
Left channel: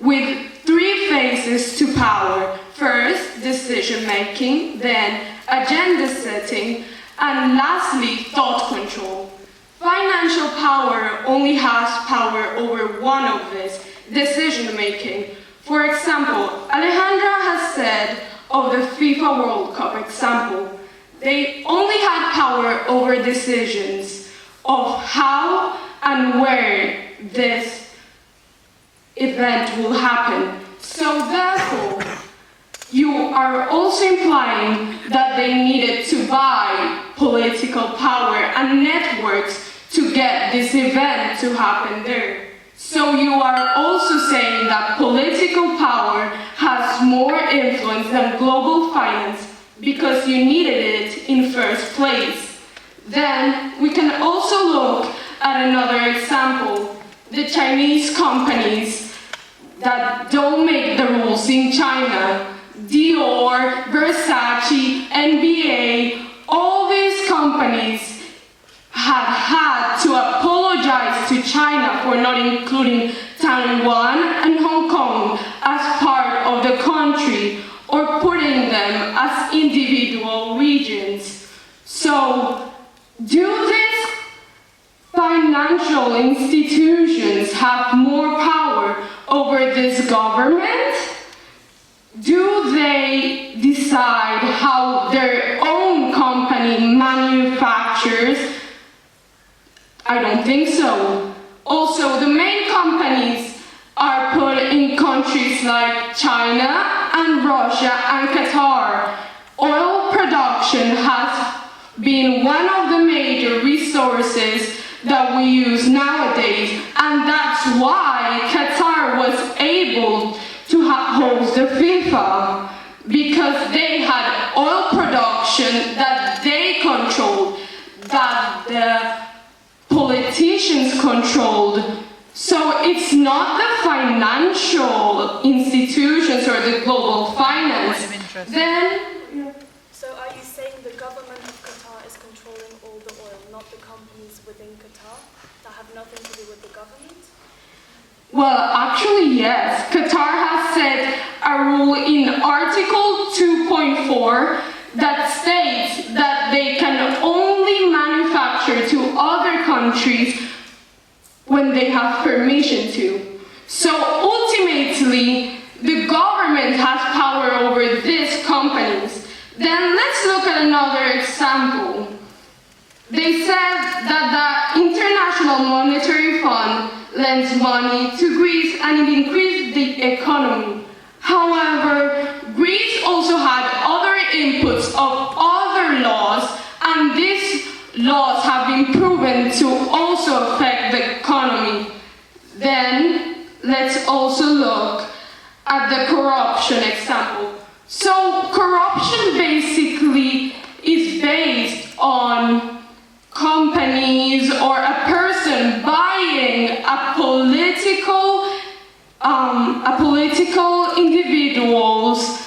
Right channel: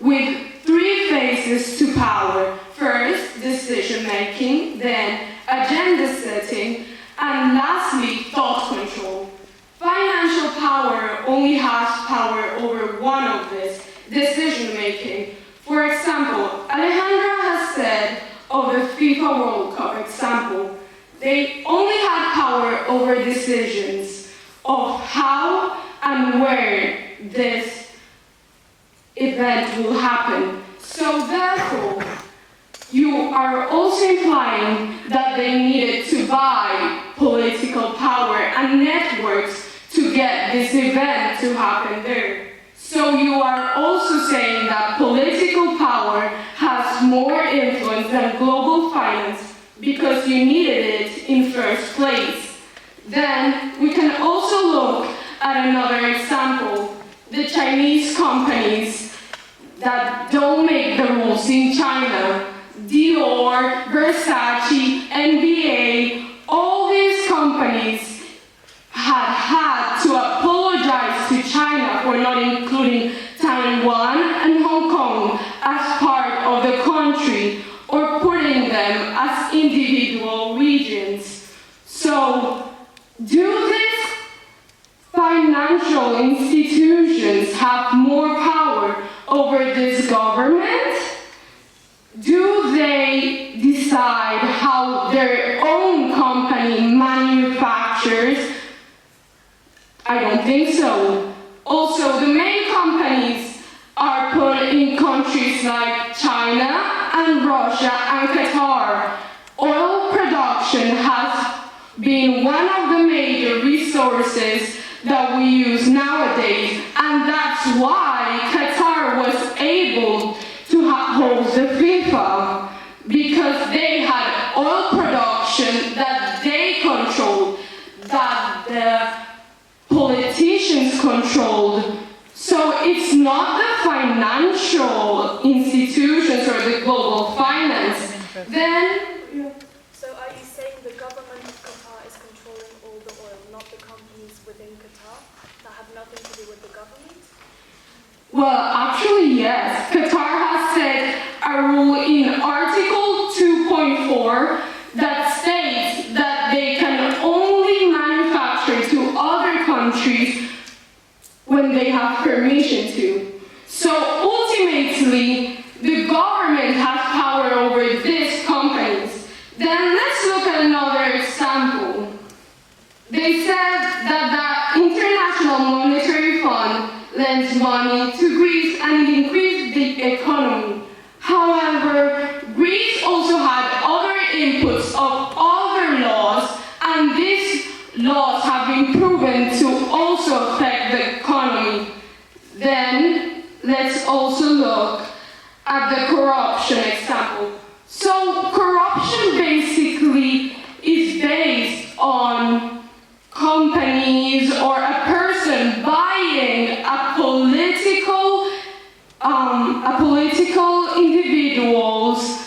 with 3 phases to power. First, decision making, then agenda setting, and lastly, thought control. Financial power only has power over one of these, decision making. For example, Alejandra has said of the FIFA World Cup example, they only had power over decisions of how and where this event will happen. So therefore, you are also implying that they needed to buy political power and networks to get this event to happen there. So you are also saying that political power has more influence than global finance because you needed it in first place. Then we can also look at another example, the Chinese companies that don't make the rules in China. Dior, Versace, NBA, all these companies had to apologize to China for not including Taiwan and Hong Kong as part of the country or putting them as individual regions. So, do these financial institutions have more power over this government? Do they decide how their own company manufactures? I don't think so. Also, the main companies are put in countries like China and Russia and Qatar. Oil production has been one of the major resources that we use nowadays, and that's why Qatar was able to host the FIFA, because they had oil production that they controlled, that the politicians controlled. So it's not the financial institutions or the global finance. Then, so are you saying the government of Qatar is controlling all the oil, not the companies within Qatar that have nothing to do with the government? well, actually, yes. Qatar has set a rule in Article 2.4 that states that they can only manufacture to other countries when they have permission to. So ultimately, the government has power over these companies. Then let's look at another example. They said that the International Monetary Fund lends money to Greece and it increased the economy. However, Greece also had other inputs of other laws, and these laws have been proven to also affect the economy. Then, let's also look at the corruption example. So, corruption basically is based on companies or a person buying a political individual's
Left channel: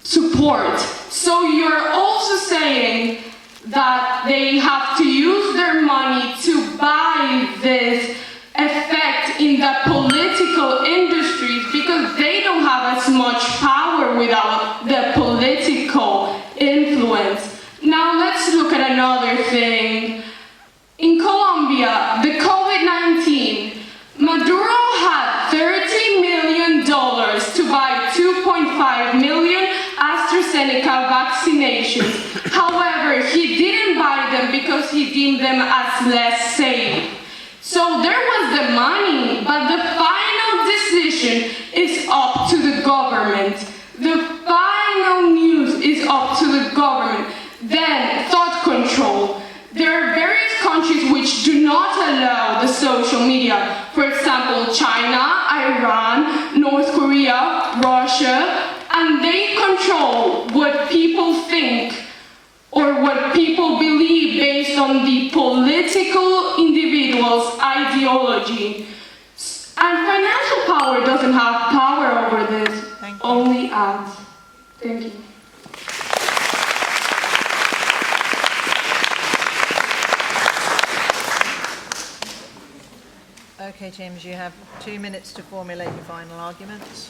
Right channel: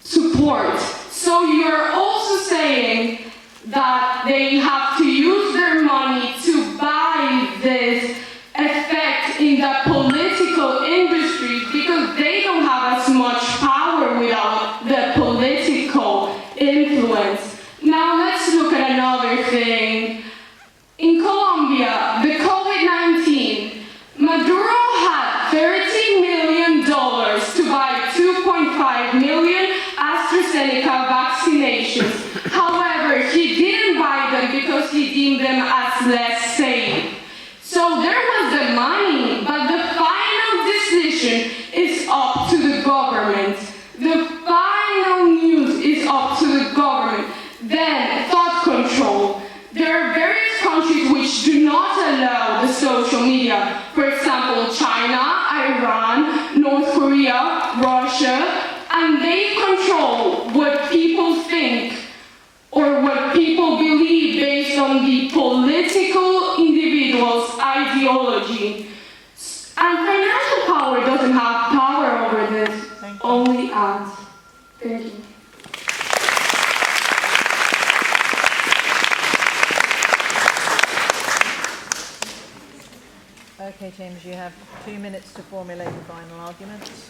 support. So you're also saying that they have to use their money to buy this effect in the political industries because they don't have as much power without the political influence. Now let's look at another thing. In Colombia, the COVID-19, Maduro had $30 million to buy 2.5 million AstraZeneca vaccinations. However, he didn't buy them because he deemed them as less safe. So there was the money, but the final decision is up to the government. The final news is up to the government. Then, thought control. There are various countries which do not allow the social media. For example, China, Iran, North Korea, Russia, and they control what people think or what people believe based on the political individual's ideology. And financial power doesn't have power over this, only ads. Thank you. Okay, James, you have 2 minutes to formulate your final arguments.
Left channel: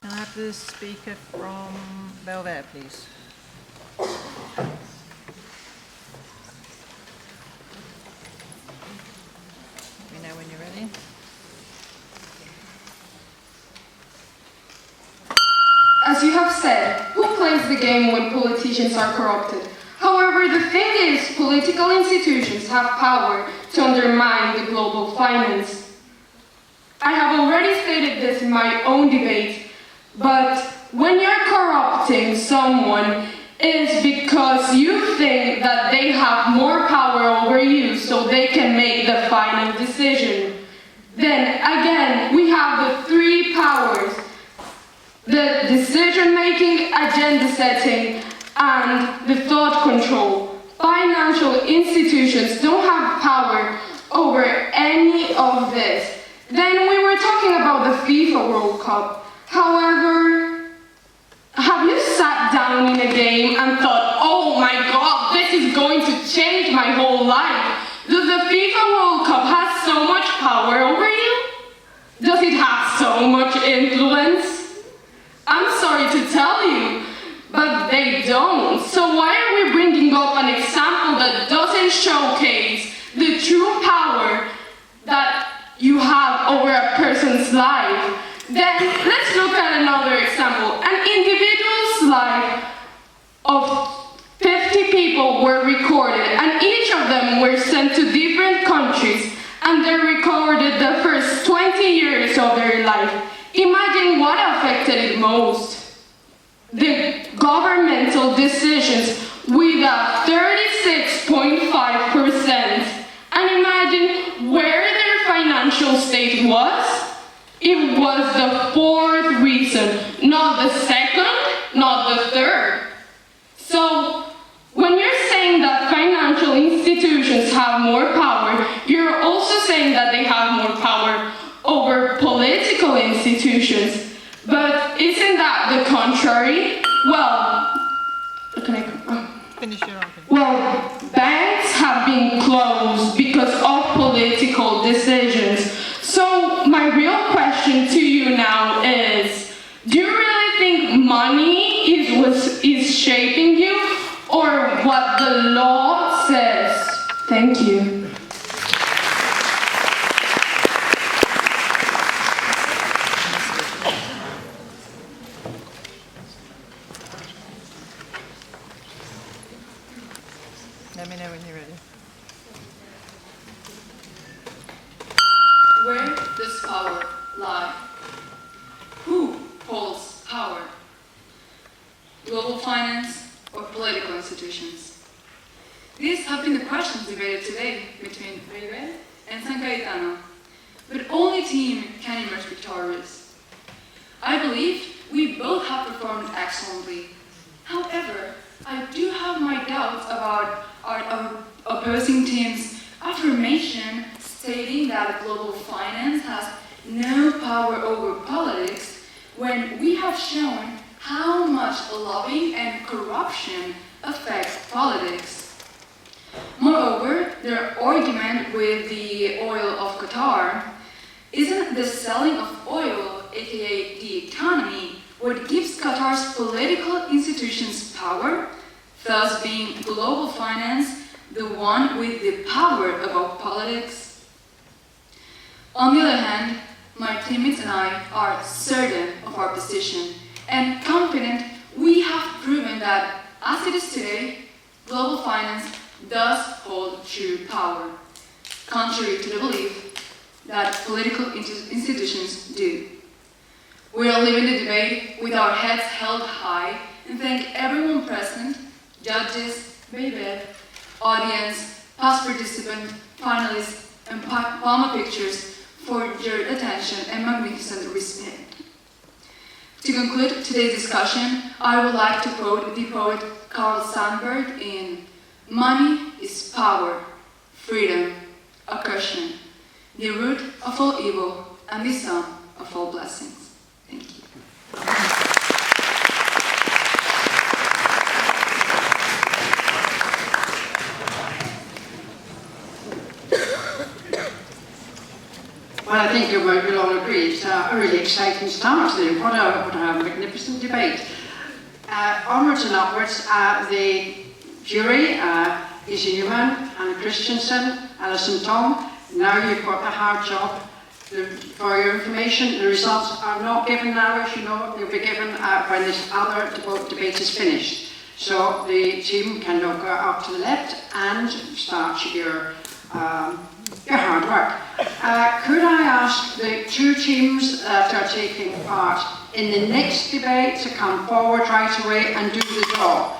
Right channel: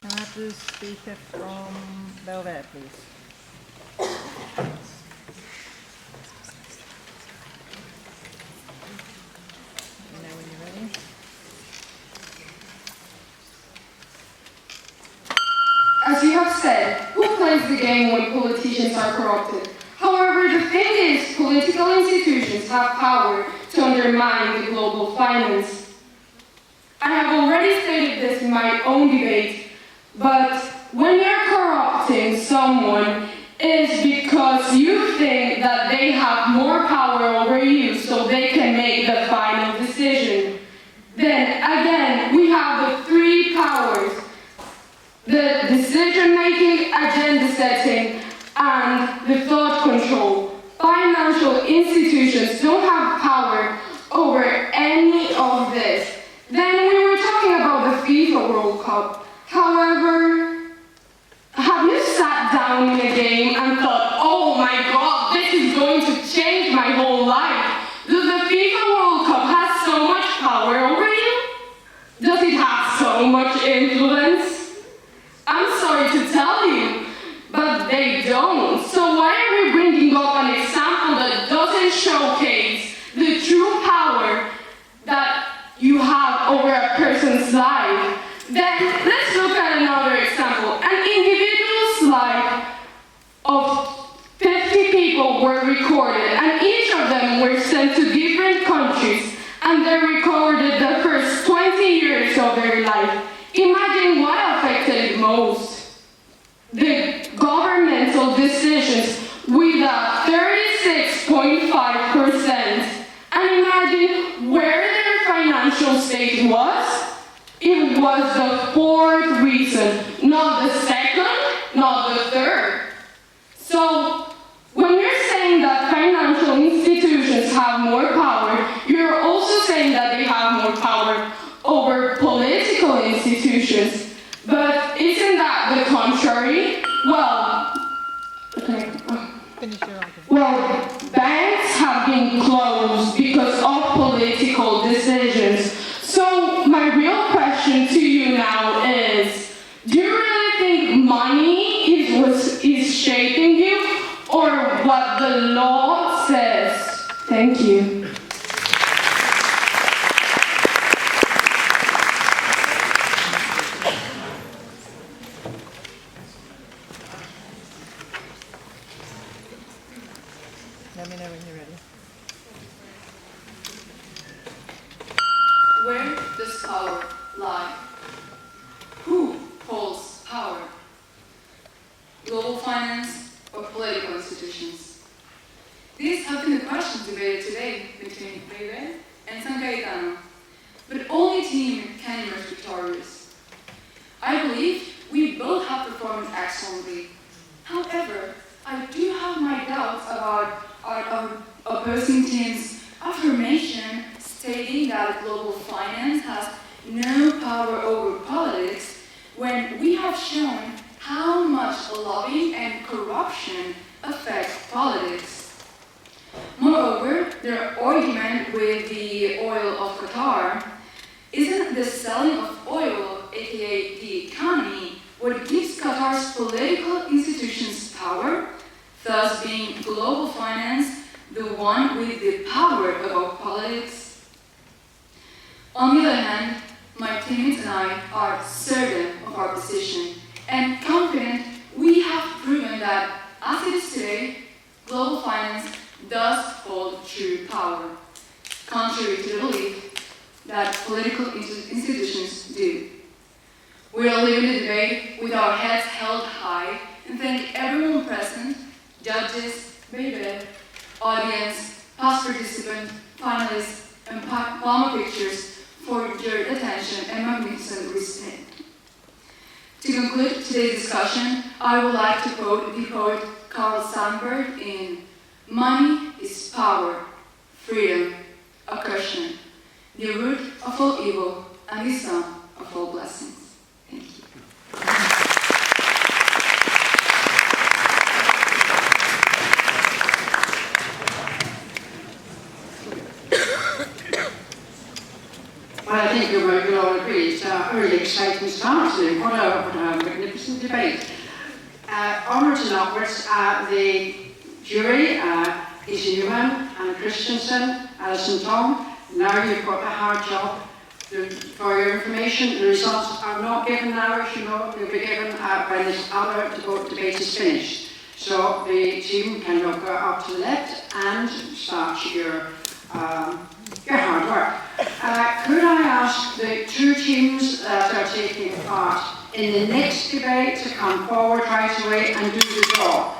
Can I have the speaker from Belvedere, please? the game when politicians are corrupted. However, the thing is, political institutions have power to undermine the global finance. I have already stated this in my own debate, but when you're corrupting someone, it's because you think that they have more power over you so they can make the final decision. Then again, we have the three powers: the decision-making, agenda setting, and the thought control. Financial institutions don't have power over any of this. Then we were talking about the FIFA World Cup. However, have you sat down in a game and thought, oh my God, this is going to change my whole life? Does the FIFA World Cup have so much power over you? Does it have so much influence? I'm sorry to tell you, but they don't. So why are we bringing up an example that doesn't showcase the true power that you have over a person's life? Then let's look at another example. An individual's life of 50 people were recorded, and each of them were sent to different countries, and they recorded the first 20 years of their life. Imagine what affected it most. The governmental decisions with a 36.5%. And imagine where their financial state was. It was the fourth reason, not the second, not the third. So, when you're saying that financial institutions have more power, you're also saying that they have more power over political institutions. But isn't that the contrary? Well, well, banks have been closed because of political decisions. So my real question to you now is, do you really think money is shaping you, or what the law says? Thank you. Let me know when you're ready. Where does power lie? Who holds power? Global finance or political institutions? These have been the questions debated today between Freire and San Cayetano, but only team can emerge victorious. I believe we both have performed excellently. However, I do have my doubts about our opposing team's affirmation stating that global finance has no power over politics, when we have shown how much lobbying and corruption affect politics. Moreover, their argument with the oil of Qatar isn't the selling of oil, aka the economy, what gives Qatar's political institutions power, thus being global finance the one with the power about politics. On the other hand, my teammates and I are certain of our position and confident we have proven that, as it is today, global finance does hold true power, contrary to the belief that political institutions do. We are leaving the debate with our heads held high and thank everyone present, judges, baby, audience, past participants, finalists, and Plama Pictures for your attention and magnificent respect. To conclude today's discussion, I would like to quote the poet Carl Sandburg in "Money is power, freedom, oppression, the root of all evil and the sum of all blessings." Thank you. Well, I think you'll all agree it's a really exciting start today. What a magnificent debate. Onwards and upwards, the jury is Newman and Christensen, Alison Tom. Now you've got the hard job. For your information, the results are not given now, as you know, they'll be given when this other debate is finished. So the team can now go up to the left and start your hard work. Could I ask the two teams that are taking part in the next debate to come forward right away and do the draw?